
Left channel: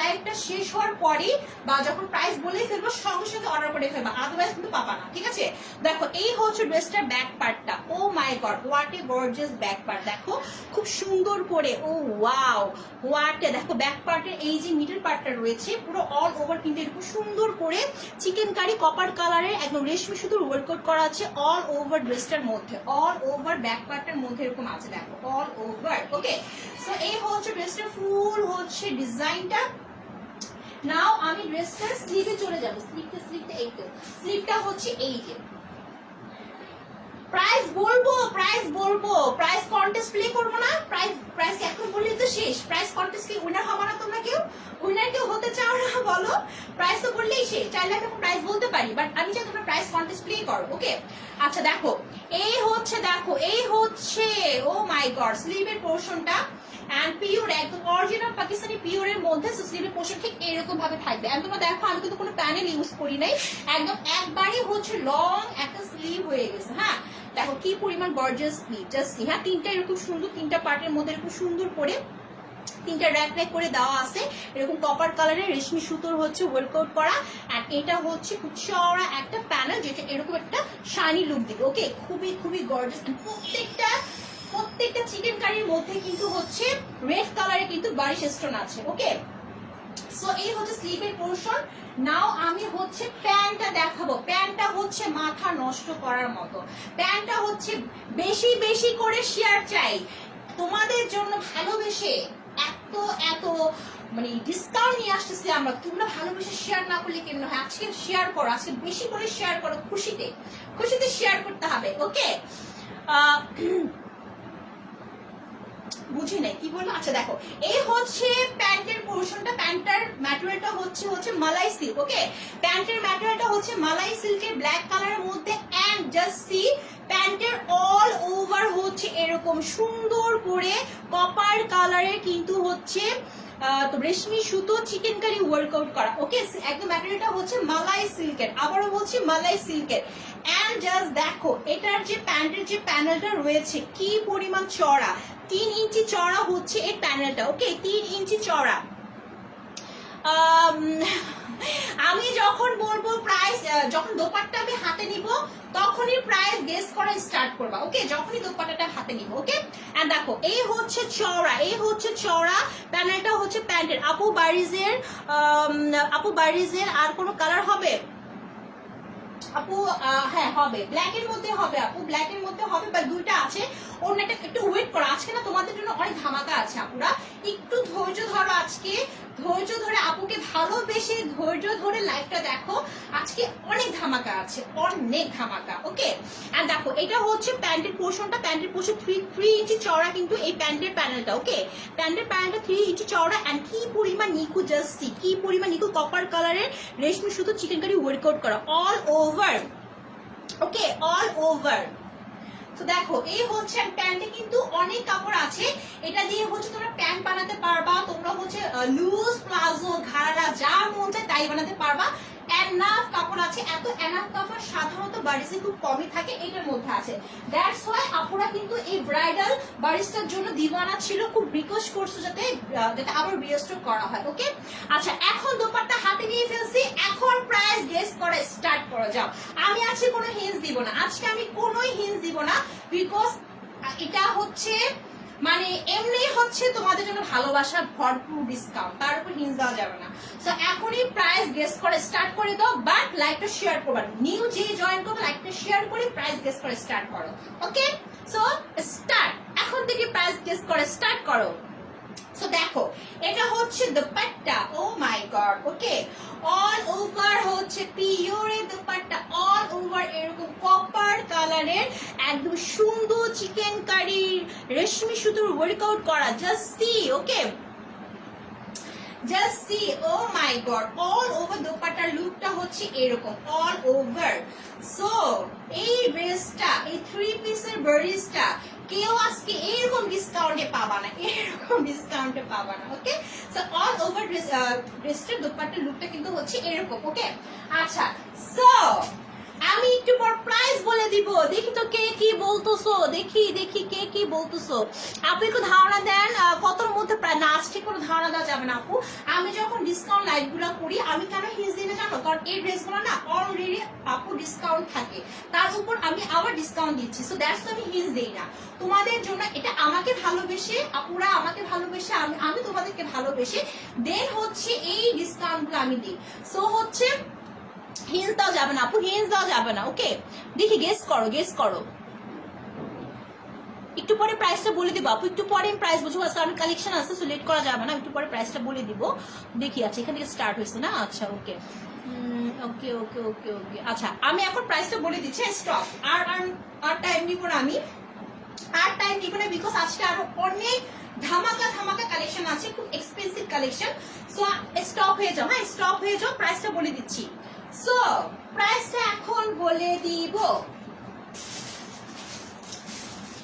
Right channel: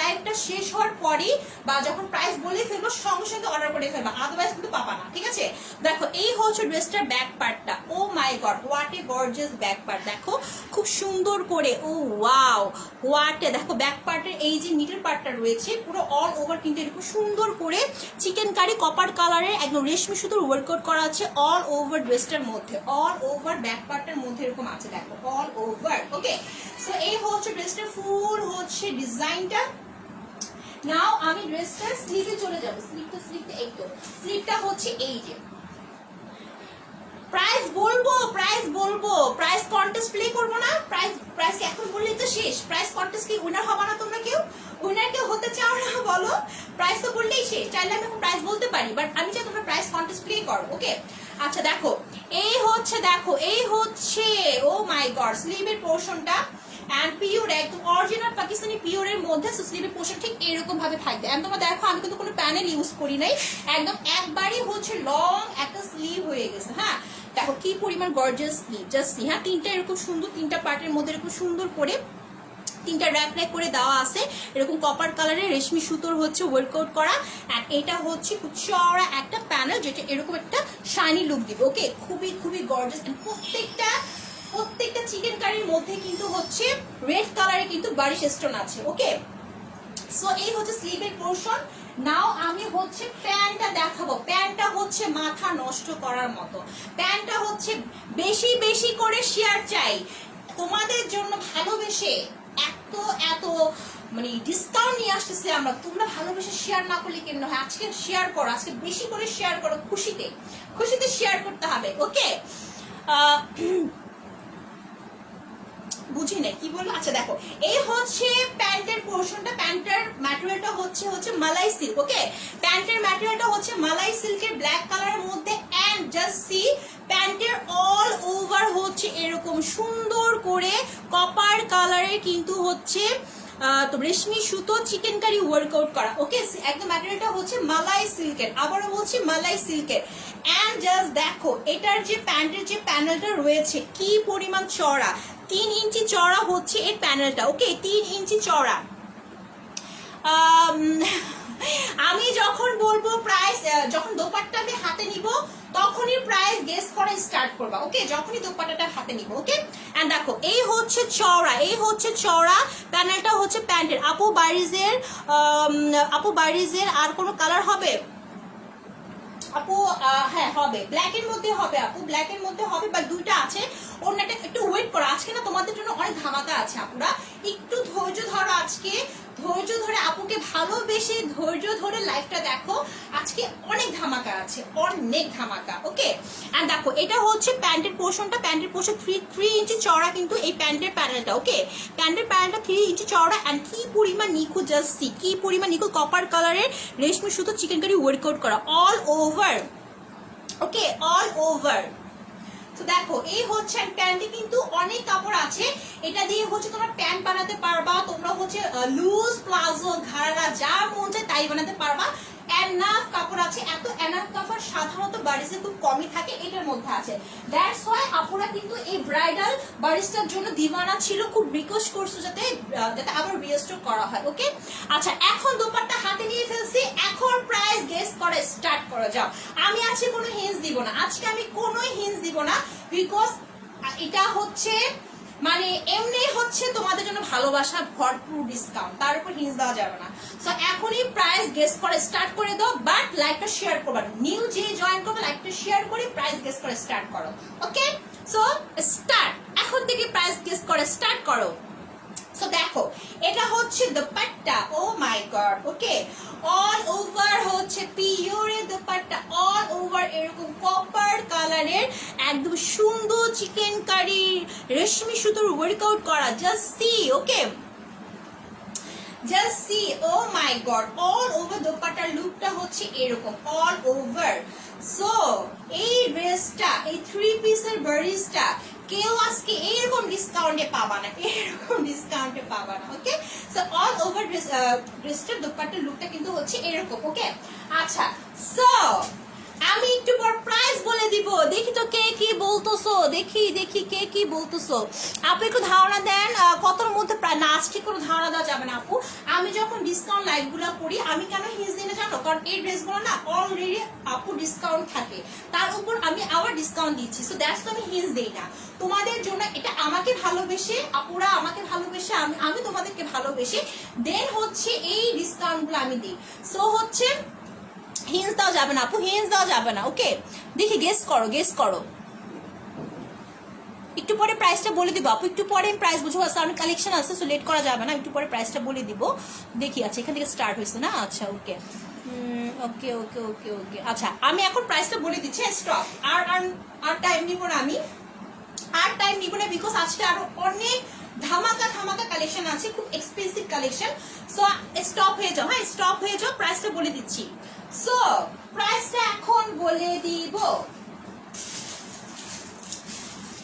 লাইভটা শেষ হওয়ার পরেই বা যখন প্রাইস বলে ফেলবো সঙ্গে সঙ্গে অর্ডার করে ফেলবা, আদারওয়াইজ কিন্তু পাবা না, ঠিক আছে। দেখো এই হচ্ছে ড্রেসটার ব্যাক পার্টটা। Oh my god what a gorgeous back part, দেখো খুব সুন্দর করে। ও ওয়াও হোয়াট এ, দেখো ব্যাক পার্টের এই যে মিডল পার্টটা রয়েছে পুরো অল ওভার কিন্তু এরকম সুন্দর করে চিকেন কারি কপার কালারের একদম রেশমি সুতোর ওয়ার্কআউট করা আছে অল ওভার ড্রেসটার মধ্যে, অল ওভার ব্যাক পার্টের মধ্যে এরকম আছে, দেখো অল ওভার। ওকে, সো এই হচ্ছে ড্রেসটার ফুল হচ্ছে ডিজাইনটা। নাও আমি ড্রেসটার স্লিভে চলে যাবো, স্লিভটা এই তো, স্লিভটা হচ্ছে এই যে। প্রাইস বলবো, প্রাইস কন্টেস্ট প্লে করবো না, প্রাইস এখন বললে তো শেষ। প্রাইস কন্টেস্ট কি উইনার হবে না, তোমরা কেউ উইনার কেউ হতে চাও না বলো? প্রাইস তো বললেই শেষ, চাইলে আমি এখন প্রাইস বলতে পারি, বাট আমি চাই তোমরা প্রাইস কন্টেস্ট প্লে করো। ওকে, আচ্ছা দেখো এই হচ্ছে, দেখো এই হচ্ছে, ও মাই গড স্লিভের পোর্শনটা এন্ড পিওর একদম অরিজিনাল পাকিস্তানি পিওরের মধ্যে স্লিভের পোর্শন ঠিক এরকম ভাবে থাকবে। এন্ড তোমরা দেখো আমি কিন্তু কোনো প্যানেল ইউজ করি নাই, একদম একবারই হচ্ছে লং একটা স্লিভ হয়ে গেছে। হ্যাঁ, দেখো কি পরিমাণ গর্জিয়াস স্লিভ, জাস্ট সি। হ্যাঁ, তিনটা এরকম সুন্দর, তিনটা পার্টের মধ্যে এরকম সুন্দর করে তিনটা র্যাক করে দেওয়া আছে, এরকম কপার কালারের রেশমি সুতোর হচ্ছে ওয়ার্কআউট করা। আর এটা হচ্ছে খুব চওড়া একটা প্যানেল যেটা এরকম একটা শাইনি লুক দিবে। ওকে, খুবই খুবই গর্জিয়াস। প্রত্যেকটা চিকেন কারির মধ্যে কিন্তু হচ্ছে রেড কালারে কিন্তু বারিশ স্টোন আছে। ওকে, সো এই হচ্ছে স্লিভের পোর্শন। নাও আমি হচ্ছে প্যান্টটা দেখাবো। প্যান্টটা হচ্ছে মাথা নষ্ট করার মতো, প্যান্টটা হচ্ছে বেশি বেশি করে শেয়ার চাই তোমাদের জন্য, ভালোবেসে এত মানে ডিসকাউন্ট নিয়ে আসতেছে আমরা, তোমরা ভালোবেসে শেয়ার না করলে কেন হয়? আজকে শেয়ার করো, আজকে বেশি করে শেয়ার করো, খুশিতে শেয়ার করতে হবে। ওকে, বুঝি না কি বলবো। আচ্ছা দেখো এই হচ্ছে প্যান্টের পোর্শনটা, প্যান্টের ম্যাটেরিয়ালটা হচ্ছে মালাই সিল্ক। ওকে, প্যান্টের ম্যাটেরিয়ালটা হচ্ছে মালাই সিল্কের ব্ল্যাক কালারের মধ্যে। এন্ড জাস্ট সি প্যান্টের অল ওভার হচ্ছে এরকম সুন্দর করে কপার কালারের কিন্তু হচ্ছে তো রেশমি সুতো চিকেন কারি ওয়ার্কআউট করা। ওকে, একদম ম্যাটেরিয়ালটা হচ্ছে মালাই সিল্কের, আবারও বলছি মালাই সিল্কের। এন্ড জাস্ট দেখো এটার যে প্যান্টের যে প্যানেলটা রয়েছে কি পরিমাণ চড়া, 3 ইঞ্চি চড়া হচ্ছে এই প্যানেলটা। ওকে, 3 ইঞ্চি চড়া। আমি যখন বলবো প্রাইস, যখন দোপাট্টা আমি হাতে নিব তখনই প্রাইস গেস করা স্টার্ট করবা। ওকে, যখনই দোপাট্টাটা হাতে নিব। ওকে, এন্ড দেখো এই হচ্ছে চওড়া প্যানেলটা হচ্ছে প্যান্টের। আপু বারিজের আর কোনো কালার হবে? আপু হ্যাঁ হবে, ব্ল্যাকের মধ্যে হবে আপু, ব্ল্যাকের মধ্যে হবে, বা দুইটা আছে। অন্যটা একটু ওয়েট করো, আজকে না তোমাদের জন্য অনেক ধামাকা আছে আপুরা, একটু ধৈর্য ধরো। আজকে ধৈর্য ধরে আপুকে ভালোবেসে ধৈর্য ধরে লাইভটা দেখো, আজকে অনেক ধামাকা আছে, অনেক ধামাকা। ওকে, এন্ড দেখো এটা হচ্ছে প্যান্টের পোর্শনটা, প্যান্টের পোর্শন 3 ইঞ্চি চওড়া কিন্তু এই প্যান্টের প্যানেলটা। ওকে, প্যান্টের প্যানেলটা 3 ইঞ্চি চওড়া, এন্ড কি পরিমাণ নিখুঁত, জাস্ট সি কি পরিমাণ নিখুঁত কপার কালারের রেশমি সুতো চিকেন কারি ওয়ার্কআউট করা অল ওভার। ওকে, অল ওভার। তো দেখো এই হচ্ছে প্যান্টে কিন্তু অনেক কাপড় আছে, এটা দিয়ে হচ্ছে তোমরা প্যান্ট বানাতে পারবা, তোমরা হচ্ছে লুজ প্লাজো ঘাড়া যা মন চায় তাই বানাতে পারবা। এনাফ কাপড় আছে, এত এনাফ কাপড় সাধারণত বারিসে খুব কমই থাকে, এটার মধ্যে আছে। দ্যাটস ওয়াই আপুরা কিন্তু এই ব্রাইডাল বারিসটার জন্য দিওয়ানা ছিল, খুব রিকোয়েস্ট করছো যাতে আবার রিস্টোর করা হয়। ওকে, আচ্ছা এখন দোপাট্টা হাতে নিয়ে ফেলছি, এখন প্রাইস গেস করে স্টার্ট করা যাও। আমি আজকে কোনো হিন্স দিব না, আজকে আমি কোনো হিন্স দিব না, বিকজ এটা হচ্ছে মানে এমনি হচ্ছে তোমাদের জন্য ভালোবাসা ভরপুর ডিসকাউন্ট, তার উপর হিন্স দেওয়া যাবে না। সো এখনই প্রাইস গেস করে স্টার্ট করে দাও, বাট লাইকটা শেয়ার করবা, নিউ যে জয়েন করবে লাইকটা শেয়ার করে প্রাইস গেস করে স্টার্ট করো। ওকে, সো স্টার্ট, এখন থেকে প্রাইস গেস করে স্টার্ট করো। সো দেখো এটা হচ্ছে দুপাট্টা, ও my god. Okay, all over হচ্ছে পিওরের দুপাট্টা, অল ওভার এরকম কপার কালারের একদম সুন্দর চিকেন কারি রেশমি সুতোর ওয়ার্কআউট করা, just see. Okay, just see, oh my god, all over দোপাট্টার লুকটা হচ্ছে এরকম অল ওভার। সো এই ড্রেসটা, এই 3 পিসের বারিসটা কেউ আজকে এরকম ডিসকাউন্টে পাবা না, এরকম ডিসকাউন্টে পাবা না। ওকে, সো অল ওভার ড্রেসটার দোপাট্টার লুকটা কিন্তু হচ্ছে এরকম। ওকে, আচ্ছা সো আমি একটু পর প্রাইস বলে দিব, দেখি তো কে কি বলতেছো, দেখি দেখি কে কি বলতেছো। আপনি একটু ধারণা দেন কতর মধ্যে প্রায়, না আজকে কোনো ধারণা দেওয়া যাবে না আপু। আমি যখন ডিসকাউন্ট লাইভ গুলো করি আমি কেন হিন্স দিনে জানো, কারণ এই ড্রেসগুলো না অলরেডি আপু ডিসকাউন্ট থাকে, তার উপর আমি আবার ডিসকাউন্ট দিচ্ছি, সো দ্যাটস আমি হিন্স দেই না তোমাদের জন্য। এটা আমাকে ভালোবেসে আপুরা, আমাকে ভালোবেসে আমি তোমাদেরকে ভালোবেসে দেন হচ্ছে এই ডিসকাউন্ট গুলো আমি দিই। সো হচ্ছে হিন্স দেওয়া যাবে না আপু, হিন্স দেওয়া যাবে না। ওকে, দেখি গেস করো, গেস করো। একটু পরে প্রাইসটা বলে দিব আপু, একটু পরে প্রাইস বুঝবো, কারণ কালেকশন আছে, সো লেট করা যাবে না, একটু পরে প্রাইসটা বলে দিব। দেখি আচ্ছা এখান থেকে স্টার্ট হয়েছে না, আচ্ছা ওকে ওকে ওকে ওকে ওকে। আচ্ছা আমি এখন প্রাইসটা বলে দিচ্ছি, স্টপ, আর টাইম দিব না, আমি আর টাইম দিব না, বিকজ আজকে আরো অনেক ধামাকা ধামাকা কালেকশন আছে, খুব এক্সপেন্সিভ কালেকশন। সো স্টপ হয়ে যাও, হ্যাঁ স্টপ হয়ে যাও, প্রাইসটা বলে দিচ্ছি। সো প্রাইসটা এখন বলে দিব,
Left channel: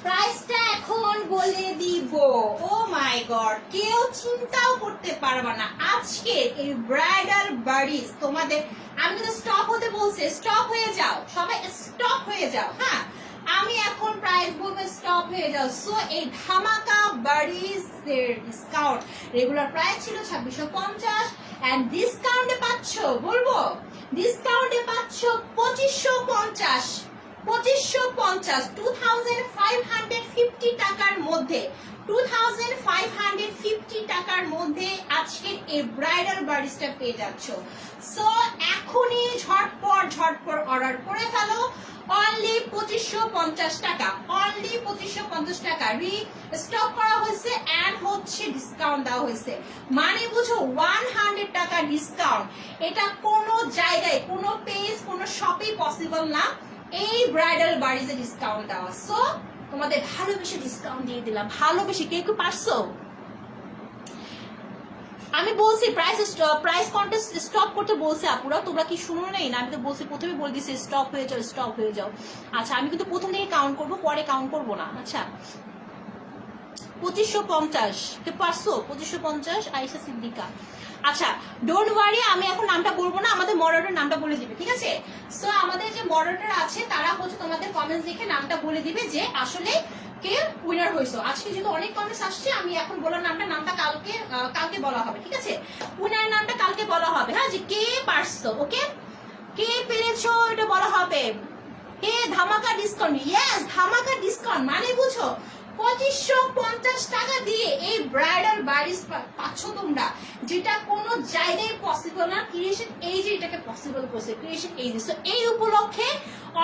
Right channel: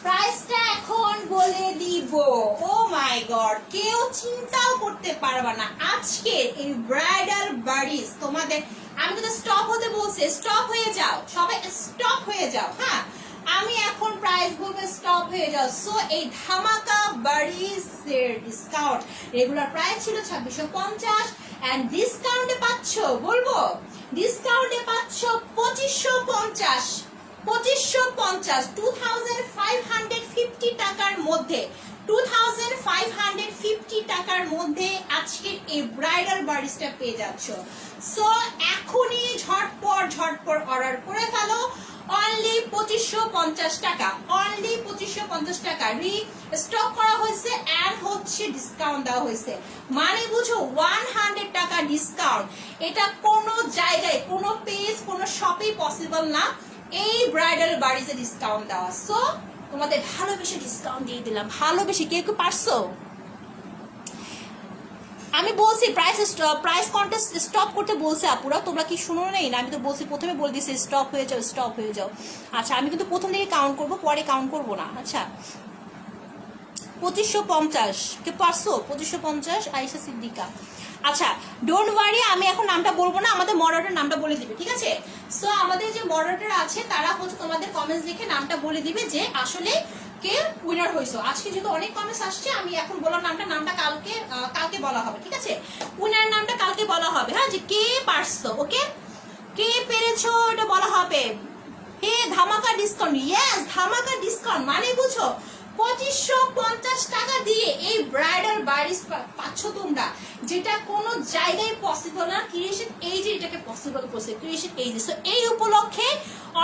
প্রাইসটা এখন বলে দিব। ও মাই গড, কেউ চিন্তাও করতে পারবা না আজকে এই ব্রাইডাল বারিস তোমাদের। আমি কিন্তু স্টপ হতে বলছি, স্টপ হয়ে যাও সবাই, স্টপ হয়ে যাও। হ্যাঁ আমি এখন প্রাইস বলবো, স্টপ হয়ে যাও। সো এই ধামাকা বারিস এর ডিসকাউন্ট রেগুলার প্রাইস ছিল 2650, এন্ড ডিসকাউন্টে পাচ্ছ, বলবো ডিসকাউন্টে পাচ্ছ 2550, 2550, 2550 টাকার মধ্যে, 2550 টাকার মধ্যে আজকের এই ব্রাইডাল বারিসটা পেয়ে যাচ্ছ। সো এখনই ঝটপট ঝটপট অর্ডার করে ফেলো, অনলি 2550 টাকা, অনলি 2550 টাকা স্টক করা হয়েছে, এন্ড হচ্ছে ডিসকাউন্ট দেওয়া হয়েছে, মানে বুঝো 100 টাকা ডিসকাউন্ট। এটা কোনো জায়গায়, কোনো পেজ, কোনো শপে পসিবল না এই ব্রাইডাল বারিসে ডিসকাউন্ট দেওয়া। সো তোমাদের ভালোবেসে ডিসকাউন্ট দিয়ে দিলাম, ভালোবেসে। কে কি পারছো? আমি বলছি প্রাইস কন্টেস্ট স্টপ করতে বলছে আপুরা, তোমরা কি শুনো নাই? আমি তো বলছি, প্রথমে বলে দিচ্ছি স্টপ হয়ে যাও, স্টপ হয়ে যাও। আচ্ছা আমি কিন্তু প্রথম থেকে কাউন্ট করবো, পরে কাউন্ট করবো না। আচ্ছা 2550 কে পারছো? 2550 আয়েশা সিদ্দিকা। আচ্ছা ডোন্ট ওয়ারি, আমি এখন নামটা বলবো না, আমাদের মডারেটর নামটা বলে দিবে, ঠিক আছে? সো আমাদের যে মডারেটর আছে তারা হচ্ছে তোমাদের কমেন্টস লিখে নামটা বলে দিবে যে আসলে কে উইনার হয়েছে। আজকে যেহেতু অনেক কমেন্টস আসছে, আমি এখন বলার নামটা কালকে বলা হবে, ঠিক আছে? উইনারের নামটা কালকে বলা হবে, হ্যাঁ, যে কে পারছো। ওকে, কে পেরেছো এটা বলা হবে। হে ধামাকা ডিসকাউন্ট, ইয়েস ধামাকা ডিসকাউন্ট, মানে বুঝো 2550 টাকা দিয়ে এই ব্রাইডাল বাড়িস পাচ্ছ তোমরা, যেটা কোনো জায়গায় পসিবল না। ক্রিয়েশন এই যে এটাকে পসিবল করছে, ক্রিয়েশন এই যে। সো এই উপলক্ষে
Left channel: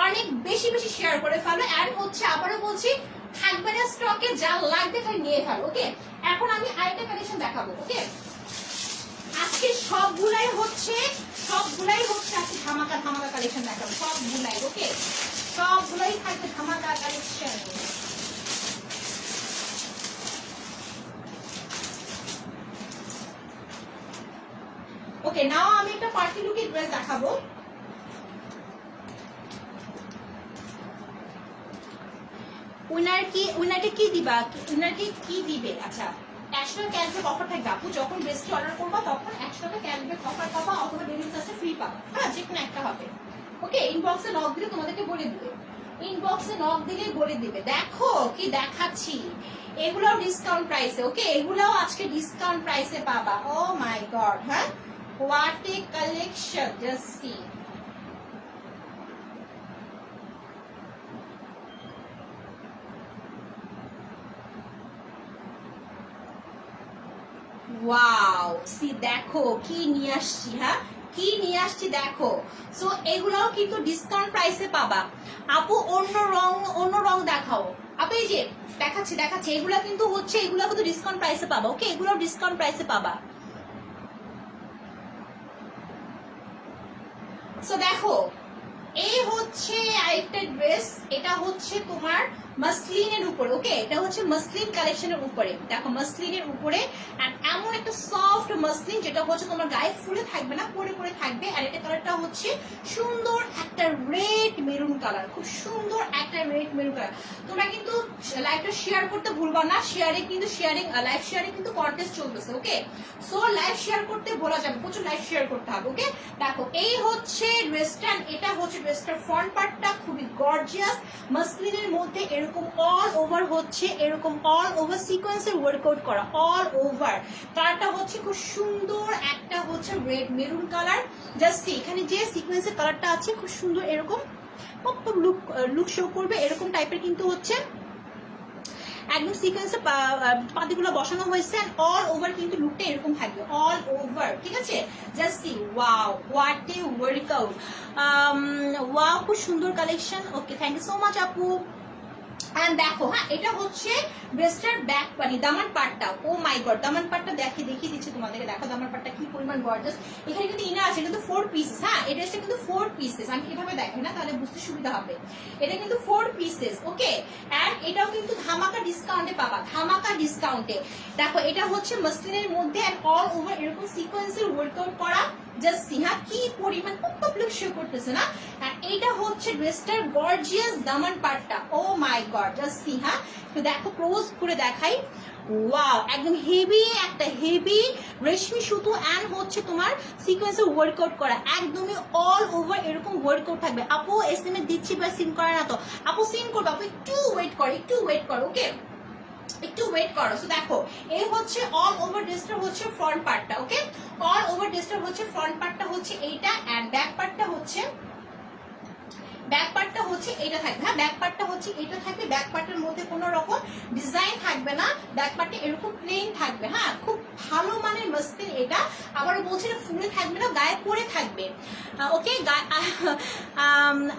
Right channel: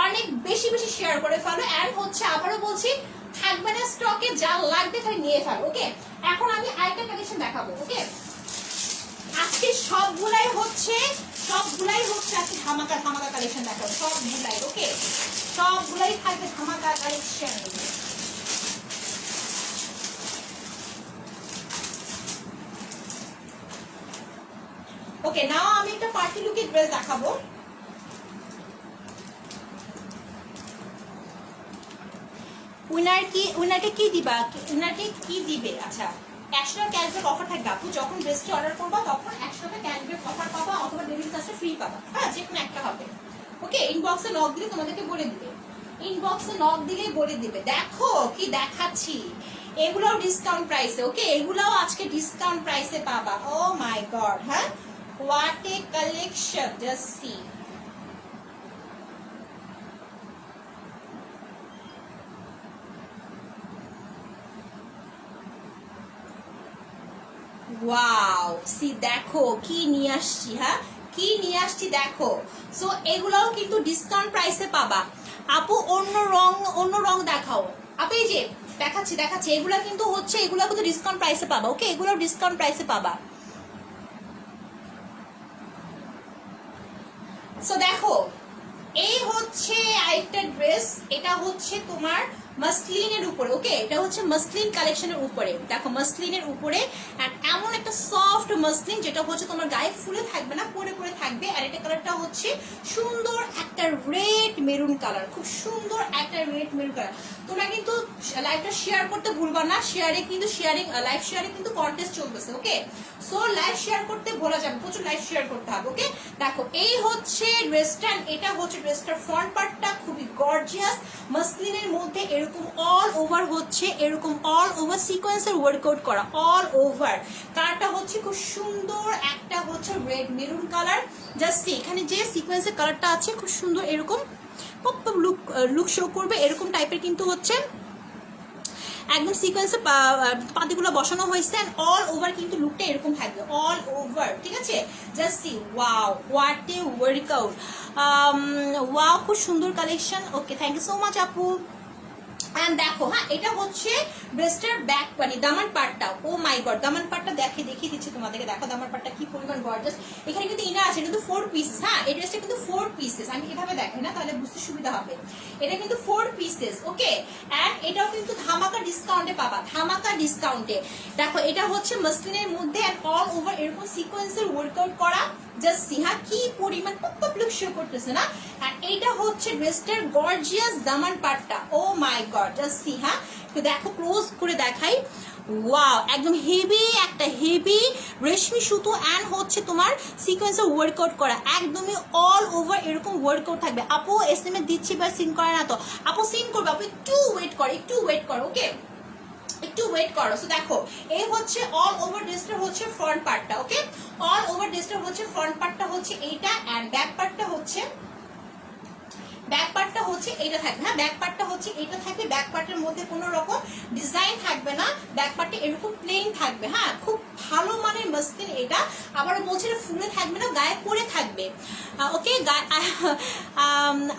অনেক বেশি বেশি শেয়ার করে ফেলো। অ্যান্ড হচ্ছে আবারও বলছি, থাকবে না স্টকে, যা লাগবে তাই নিয়ে ফেলো। ওকে, এখন আমি আরেকটা কালেকশন দেখাবো। ওকে, আজকে সবগুলাই হচ্ছে একটা ধামাকা ধামাকা কালেকশন দেখাবো, সবগুলাই। ওকে, সবগুলাই থাকবে ধামাকা কালেকশন। ওকে, নাও আমি একটা পার্টি লুকের ড্রেস দেখাবো। উইনারটি কি দিবা, উইনারটি কি দিবে? আচ্ছা, 100 টাকা ক্যাশব্যাক অফার থাকবে আপু, যখন ড্রেসটি অর্ডার করবা তখন 100 টাকা ক্যাশব্যাক অফার পাবা, অথবা ডেলিভারি চার্জে ফ্রি পাবা। হ্যাঁ, যে কোনো একটা হবে। ওকে, ইনবক্সে নক দিলে তোমাদেরকে বলে দিবে, ইনবক্সে নক দিলে বলে দিবে। দেখো কি দেখাচ্ছি, এগুলোও ডিসকাউন্ট প্রাইসে। ওকে, এগুলোও আজকে ডিসকাউন্ট প্রাইসে পাবা। ও মাই গড, হ্যাঁ, what a collection, just see. Wow, see দেখো কি নিয়ে আসছি। হ্যাঁ, কি নিয়ে আসছি দেখো। সো এগুলাও কিন্তু ডিসকাউন্ট প্রাইসে পাবা আপু। অন্য রং দেখাও আপু। এই যে দেখাচ্ছি এগুলো কিন্তু হচ্ছে, এগুলো কিন্তু ডিসকাউন্ট প্রাইসে পাবা। ওকে, এগুলো ডিসকাউন্ট প্রাইসে পাবা। সো দেখো, এই হচ্ছে আরেকটা ড্রেস, এটা হচ্ছে তোমার মাসলিনের উপরে। ওকে, এটা হচ্ছে মাসলিন কালেকশনের উপরে। দেখো, মাসলিনের উপরে এমন একটা সফট মাসলিন, যেটা হচ্ছে তোমার গায়ে ফুলে থাকবে না, পরে পরে থাকবে। আর এটা কালারটা হচ্ছে সুন্দর একটা রেড মেরুন কালার, খুব সুন্দর একটা রেড মেরুন কালার। তোমরা কিন্তু লাইভটা শেয়ার করতে ভুলবা না, লাইভ শেয়ারিং কিন্তু কন্টেস্ট চলতেছে। ওকে, সো লাইভ শেয়ার করতে ভোলা যাবে, প্রচুর লাইভ শেয়ার করতে হবে। ওকে, দেখো এই হচ্ছে ড্রেসটা, এটা হচ্ছে ড্রেসটার ফ্রন্ট পার্টটা, খুবই গর্জিয়াস মাসলিনের মধ্যে এরকম অল ওভার হচ্ছে, এরকম অল ওভার সিকোয়েন্সের ওয়ার্কআউট করা, অল ওভার। কালারটা হচ্ছে খুব সুন্দর একটা হচ্ছে রেড মেরুন কালার। জাস্ট এখানে যে সিকোয়েন্সের কালারটা আছে খুব সুন্দর, এরকম লুক শো করবে, এরকম টাইপের কিন্তু হচ্ছে একদম সিকোয়েন্সে পাতিগুলো বসানো হয়েছে। অল ওভার কিন্তু লুকটা এরকম থাকবে, অল ওভার। ঠিক আছে, just see, wow, what a workout, wow, খুব সুন্দর collection. Okay, thank you so much আপু। দেখো, হ্যাঁ, এটা হচ্ছে ড্রেসটার ব্যাক, মানে দামান পার্টটা। ও মাই গড, দামান পার্টটা দেখিয়ে দিচ্ছি তোমাদেরকে। দেখো দামান পার্টটা কি পরিমাণ গর্জাস। এখানে কিন্তু ইনার আছে, কিন্তু 4 পিসেস। হ্যাঁ, এই ড্রেসটা কিন্তু 4 পিসেস। আমি এভাবে দেখাই না, তাহলে বুঝতে সুবিধা হবে। এটা কিন্তু 4 পিসেস। ওকে, এন্ড এটাও কিন্তু ধামাকা ডিসকাউন্টে পাবা, ধামাকা ডিসকাউন্টে। দেখো, এটা হচ্ছে মাসলিনের মধ্যে এন্ড অল ওভার এরকম সিকোয়েন্সের ওয়ার্কআউট করা। জাস্ট সি, হ্যাঁ, কি পরিমাণ পপ লুক শো করতেছে না। আর এইটা হচ্ছে ড্রেসটার গর্জিয়াস দামান পার্টটা। Oh my god, just see. হ্যাঁ, তো দেখো, ক্লোজ করে দেখাই। ওয়াও, একদম হেভি একটা হেভি রেশমি সুতো অ্যান্ড হচ্ছে তোমার সিকোয়েন্সের ওয়ার্কআউট করা, একদমই অল ওভার এরকম ওয়ার্কআউট থাকবে। আপু এসএমএস দিচ্ছি বা সিন করে না তো? আপু সিন করবে, আপু একটু ওয়েট করো। ওকে, একটু ওয়েট করো। সো দেখো, এই হচ্ছে অল ওভার ড্রেসটা হচ্ছে ফ্রন্ট পার্টটা। ওকে, অল ওভার ড্রেসটা হচ্ছে ফ্রন্ট পার্টটা হচ্ছে এইটা, এন্ড ব্যাক পার্টটা হচ্ছে এইটা থাকবে। হ্যাঁ, ব্যাক পার্টটা হচ্ছে এইটা থাকবে। ব্যাক পার্টের মধ্যে কোনো রকম ডিজাইন থাকবে না, ব্যাক পার্টটা এরকম প্লেন থাকবে। হ্যাঁ, খুব ভালো মানের মসলিন এটা। আবারও বলছি, এটা ফুলে থাকবে না, গায়ে পরে থাকবে। ওকে,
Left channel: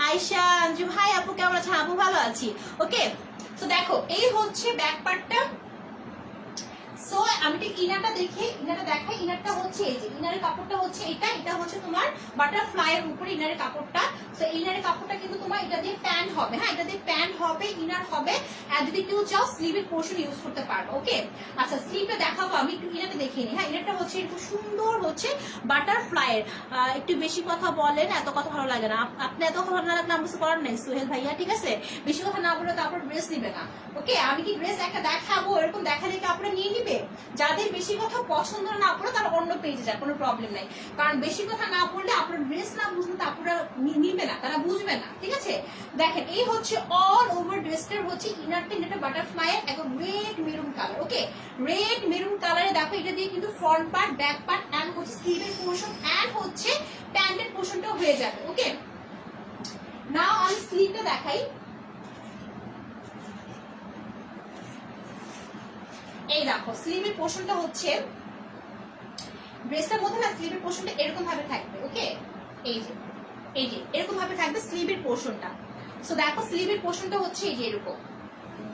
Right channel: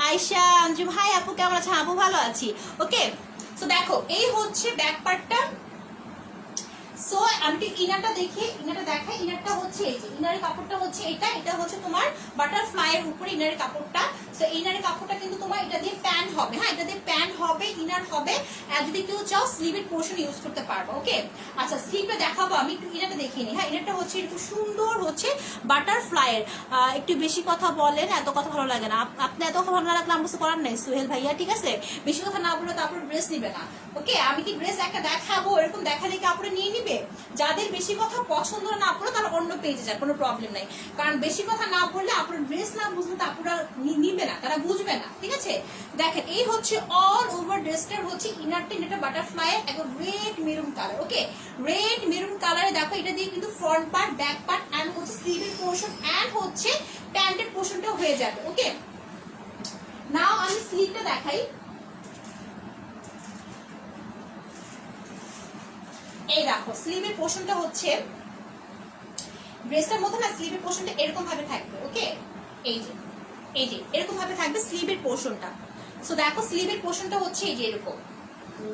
আয়শা আঞ্জুম, হাই আপু, কেমন আছেন? আপু ভালো আছি। ওকে, তো দেখো, এই হচ্ছে ব্যাক পার্টটা। সো আমি একটু ইনারটা দেখাই। ইনারটা হচ্ছে এই যে, ইনারের কাপড়টা হচ্ছে এটা হচ্ছে তোমার বাটারফ্লাই এর উপরে ইনারের কাপড়টা। সো ইনারের কাপড়টা কিন্তু তোমার এটা দিয়ে প্যান্ট হবে। হ্যাঁ, এটা দিয়ে প্যান্ট হবে, ইনার হবে। আর যদি কেউ চাও স্লিভের পোর্শন ইউজ করতে পারবে। ওকে, আচ্ছা, স্লিভটা দেখাবো, আমি একটু ইনারটা দেখিয়ে নিই। হ্যাঁ, ইনারটা হচ্ছে এরকম সুন্দর হচ্ছে বাটারফ্লাই এর। একটু বেশি কথা বলেন, এত কথা ভালো লাগে না। আপনি এত কথা ভালো না লাগলে আমার কিছু করার নেই সোহেল ভাইয়া, ঠিক আছে? বেশি কথা না বলে তারপর ড্রেস নিবে না। ওকে, আমি কি ড্রেস একটা দেখাবো, এরকম দেখালে কাপড়ে নিয়ে নিবে? যাদের বেশি কথা পছন্দ না পড়ে তারা অন্য পেজে যায়, কোনো প্রবলেম নাই। কারণ বেশি কথা না পড়লে আপনার ড্রেস না বুঝলে তারপরে নিবে না, তারা বুঝবে না। ঠিক আছে, দেখেন, এই হচ্ছে অল ওভার ড্রেসটার হচ্ছে ইনারটা, এটা বাটারফ্লাই এর একদম red maroon colour. Okay, red maroon কালারে দেখো, এটা দিয়ে কিন্তু front part, back part and হচ্ছে স্লিভের পোর্শন এন্ড হচ্ছে প্যান্টের পোর্শনটাও হয়ে যাবে। ওকে, নাও আমি স্লিভটা দেখাই। এই দেখো স্লিভের পোর্শনটা হচ্ছে, ড্রেসটার মধ্যে না স্লিভের পোর্শনটা এরকম ভাবে থাকবে। ওকে, এই যে এরকম ভাবে থাকবে স্লিভের পোর্শনটা। সো দেখো স্লিভের পোর্শনটা হচ্ছে এই যে এরকম।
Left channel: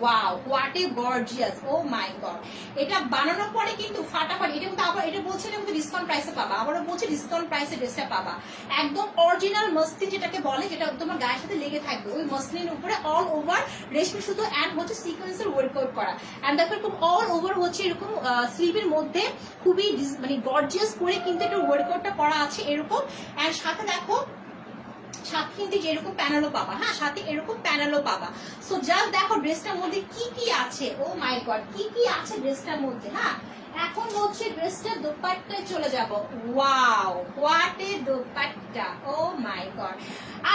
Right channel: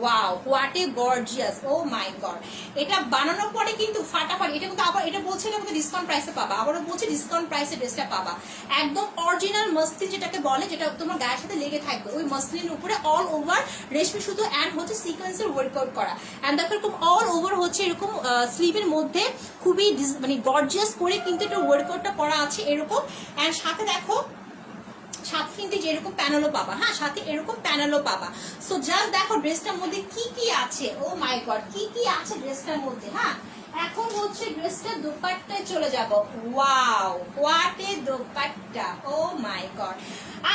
Wow, what a gorgeous, oh my god. এটা বানানোর পরে কিন্তু ফাটাফাটি, এটা কিন্তু আবার এটা বলছে না কিন্তু ডিসকাউন্ট প্রাইসে পাবা, আবারও বলছে ডিসকাউন্ট প্রাইসে ড্রেসটা পাবা। একদম অরিজিনাল মসলিন যেটাকে বলে, যেটা তোমার গায়ের সাথে লেগে থাকবে, ওই মসলিনের উপরে অল ওভার রেশমি সুতো এন্ড হচ্ছে সিকোয়েন্সের ওয়ার্কআউট করা। এন্ড দেখো এরকম অল ওভার হচ্ছে এরকম স্লিভের মধ্যে খুবই মানে গর্জিয়াস করে কিন্তু এটা ওয়ার্কআউটটা করা আছে এরকম। এন্ড সাথে দেখো সাথে কিন্তু এরকম প্যানেলও পাবা। হ্যাঁ, সাথে এরকম প্যানেলও পাবা। সো জাস্ট দেখো ড্রেসটার মধ্যে কি কি আছে, ও মাই গড, কি কি আছে ড্রেসটার মধ্যে। হ্যাঁ, এখন হচ্ছে ড্রেসটার দোপাট্টায় চলে যাব। Wow, what a dupatta, oh my god.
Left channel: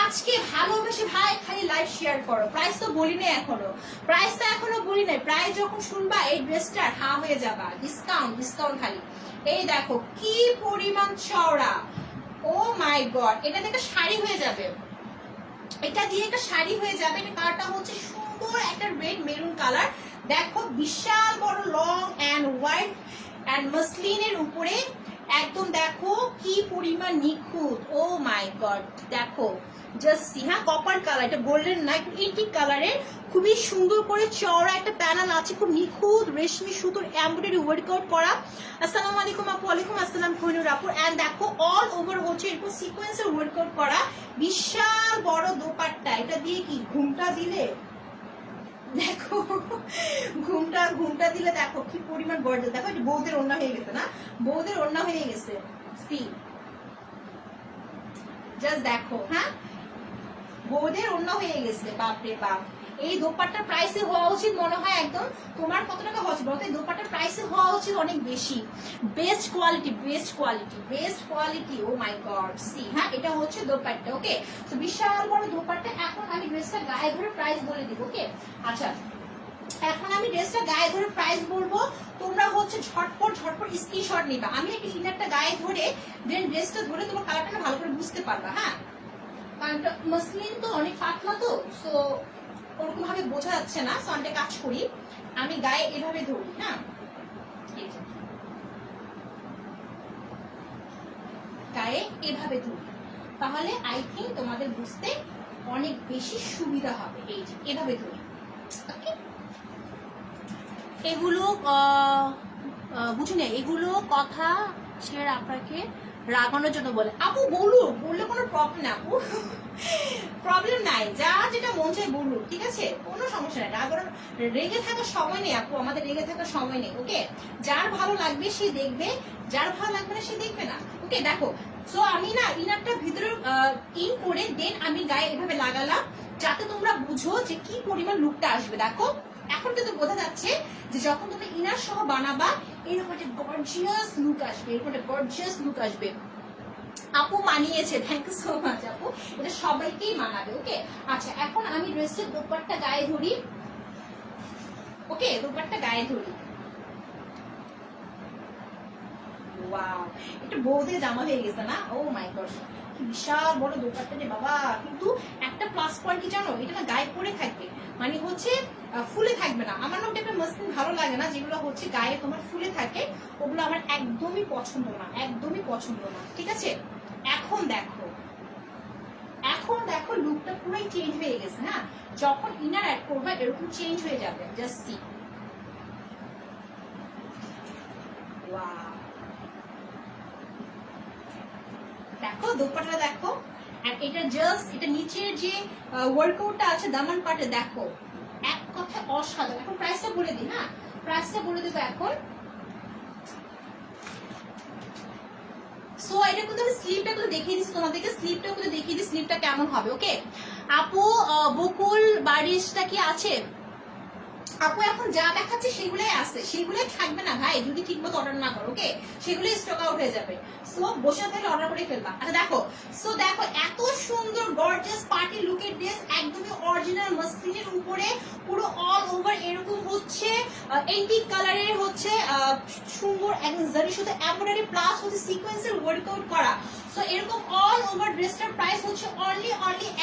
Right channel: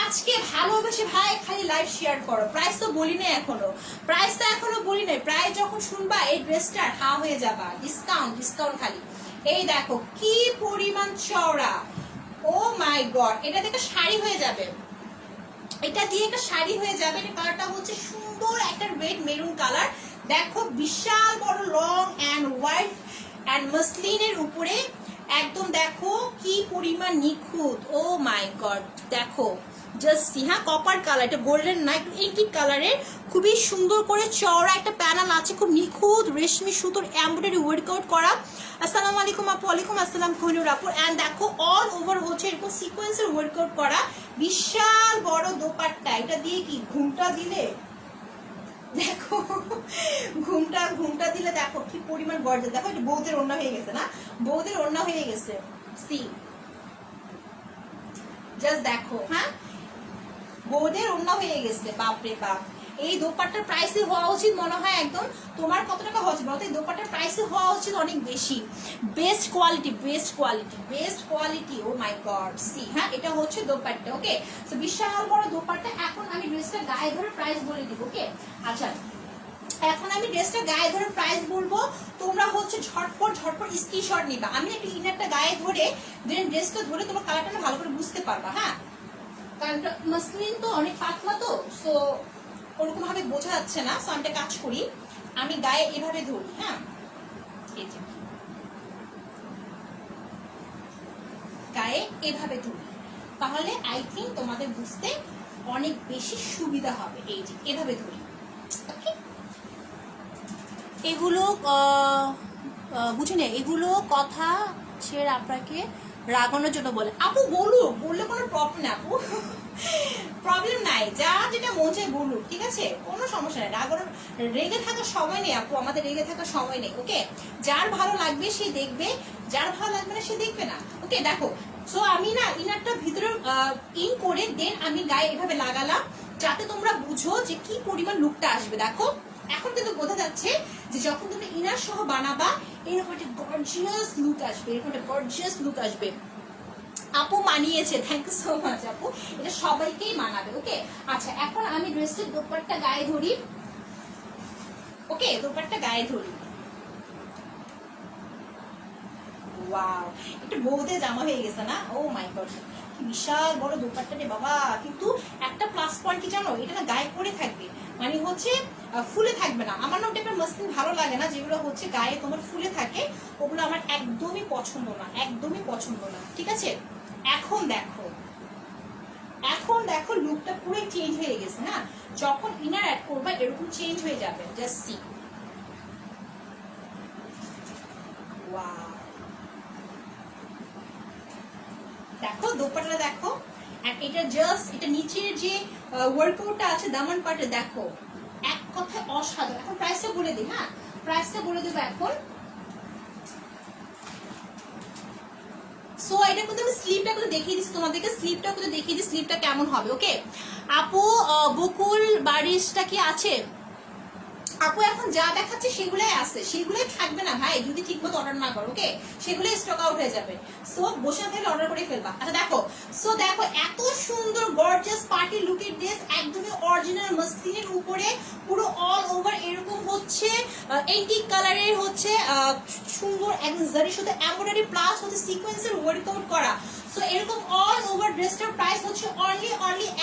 আজকে ভালোবেসে ভাই খালি লাইভ শেয়ার করো। প্রাইস তো বলি নাই এখনো, প্রাইস তো এখনো বলি নাই। প্রাইস যখন শুনবা এই ড্রেসটার হা হয়ে যাবা। ডিসকাউন্ট ডিসকাউন্ট খালি। এই দেখো কি পরিমাণ চওড়া, ও মাই গড। এটা দেখে শাড়ি হয়ে যাবে, এটা দিয়ে একটা শাড়ি হয়ে যাবে। এটা কালারটা হচ্ছে সুন্দর একটা রেড মেরুন কালার। দেখো বিশাল বড় লং এন্ড হোয়াইট এন্ড মসলিনের উপরে একদম দেখো কি পরিমাণ নিখুঁত, ও মাই গড। দেখো জাস্ট সি, হ্যাঁ কপার কালার, এটা গোল্ডেন না, একটু ইন্টিক কালারের, খুবই সুন্দর করে চওড়া একটা প্যানেল আছে, খুব নিখুঁত রেশমি সুতোর এমব্রয়ডারি ওয়ার্কআউট করা। আসসালামু আলাইকুম আপু। ওয়ালাইকুম আসসালাম কোহিনুর আপু। এন্ড দেখো অল ওভার হচ্ছে এরকম সিকোয়েন্সের ওয়ার্কআউট করা, বিশাল বড় দোপাট্টা। এটা দিয়ে কি ঘুমটা দিলে, দেখো ঘুমটা দিলে দেখো কি পরিমাণ গর্জিয়াস। দেখো এটা বৌদের ওড়না হয়ে গেছে না, বৌদের ওড়না হয়ে গেছে। সি জাস্ট দেখো, হ্যাঁ বৌদের ওড়না হয়ে গেছে। বাপরে বাপ, এই দোপাট্টার প্রাইসে হওয়া উচিত মনে হয় একদম, তোমার কত টাকা হওয়া উচিত বলতো? এই দোপাট্টার প্রাইসে হওয়া উচিত অনেক বেশি। Best quality, best quality, best quality, oh my god. See, হ্যাঁ এটা হচ্ছে দোপাট্টা। ওকে, তো বিশাল বড় দোপাট্টা। এখন আমি ড্রেসটা গায়ে ধরে প্রাইস বলে দিব। ওকে, আচ্ছা এখন আমি ড্রেসটা গায়ে ধরে প্রাইস বলবো, তোমরা হচ্ছে ঝটপট স্ক্রিনশট নিবা। আমি একটু ইনারটা গায়ে ধরে দেন ড্রেসটা ধরে তোমার কালারটা ভালো করে বুঝতে পারবা। হ্যাঁ, কারণ মসলিন তো অনেক পাতলা, তো সো ওরকম ভাবে বোঝা যাচ্ছে না। সো আমি একটা কাজ করি, আমি গায়ে এভাবে ধরি। হ্যাঁ, এই যে গায়ে এভাবে ধরি, তাহলে আই থিঙ্ক তোমাদের বুঝতে অনেক বেশি সুবিধা হবে। এই যে এভাবে ধরি। এগুলো বুঝি না, এগুলো কথা ছেড়ে আপনাকে রাগানোর জন্য বলে। আপু বলুক, বললে কোনো প্রবলেম না আপু, প্রবলেম নাই, যা যেটা মন চায় বলুক, ঠিক আছে, কোনো সমস্যা নাই। রাগানোর, রেগে থাকার সময় নেই আপু, আমাদের রেগে থাকার সময় নেই। ওকে, যার ভালো লাগবে সে দেখবে, যার ভালো লাগবে না সে দেখবে না। ওকে দেখো, সো আমি না ইনারটা ভিতরে ইন করে দেন আমি গায়ে এভাবে লাগালাম, যাতে তোমরা বুঝো যে কি পরিমাণ লুকটা আসবে। দেখো এখন কিন্তু বোঝা যাচ্ছে যে যখন তুমি ইনার সহ বানাবা এরকম একটা গর্জিয়াস লুক আসবে, এরকম একটা গর্জিয়াস লুক আসবে। আপু মানিয়েছে, থ্যাংক ইউ সো মাচ আপু, এটা সবাইকেই মানাবে। ওকে, আচ্ছা এখন আমি ড্রেসের দোপাট্টা গায়ে ধরি। ওকে, দোপাট্টা গায়ে ধরি। ওয়াও, এটা বৌদের জামা হয়ে গেছে না, ও মাই গড, বিশাল বড় দোপাট্টা রে বাবা। কিন্তু একটা প্লাস পয়েন্ট কি জানো, এটা গায়ে পরে থাকবে, মানে হচ্ছে ফুলে থাকবে না। আমার না টাইপের মসলিন ভালো লাগে না, যেগুলো হচ্ছে গায়ে তোমার ফুলে থাকে, ওগুলো আমার একদমই পছন্দ না, একদমই পছন্দ না। ঠিক আছে, এখন দেখো, এখন দেখো লুকটা পুরোই চেঞ্জ হয়ে গেছে। হ্যাঁ, যখন ইনার অ্যাড করবা এরকম চেঞ্জ হয়ে যাবে। জাস্ট সি, ওয়াও, দেখো দোপাট্টাটা দেখো। আর এটা জাস্ট এটা নিচের যে ওয়ার্কআউটটা আছে দামান পাটে, দেখো এক কথায় অসাধারণ। এখন প্রাইসটা বলে দিই। হ্যাঁ, প্রাইসটা বলে দেবো এখন। সো এটা কিন্তু আমি স্লিপটা কিন্তু দেখিয়ে দিচ্ছি তোমাদেরকে, স্লিপটা কিন্তু দেখিয়ে দিই স্লিপটা কেমন হবে। ওকে আপু, বকুল বারিশটা কি আছে আপু? এখন যা দেখাচ্ছে সেগুলোই আছে, সেগুলোই থাকবে না ভাই যদি ঠিক মতো অর্ডার না করো। ওকে, সেগুলোই স্টক আউট হয়ে যাবে। সো বসে থাকলে অর্ডার করে ফেলবা। আচ্ছা দেখো, সো দেখো এত সুন্দর গর্জিয়াস পার্টি লুকের ড্রেস, একদমই অরিজিনাল মসলিনের উপরে পুরো অল ওভার এরকম হচ্ছে এন্টিক কালারের হচ্ছে সুন্দর একদম জারি সুতো এমব্রয়ডারি প্লাস হচ্ছে সিকোয়েন্সের ওয়ার্কআউট করা। সো এরকম অল ওভার ড্রেসটার প্রাইস হচ্ছে অনলি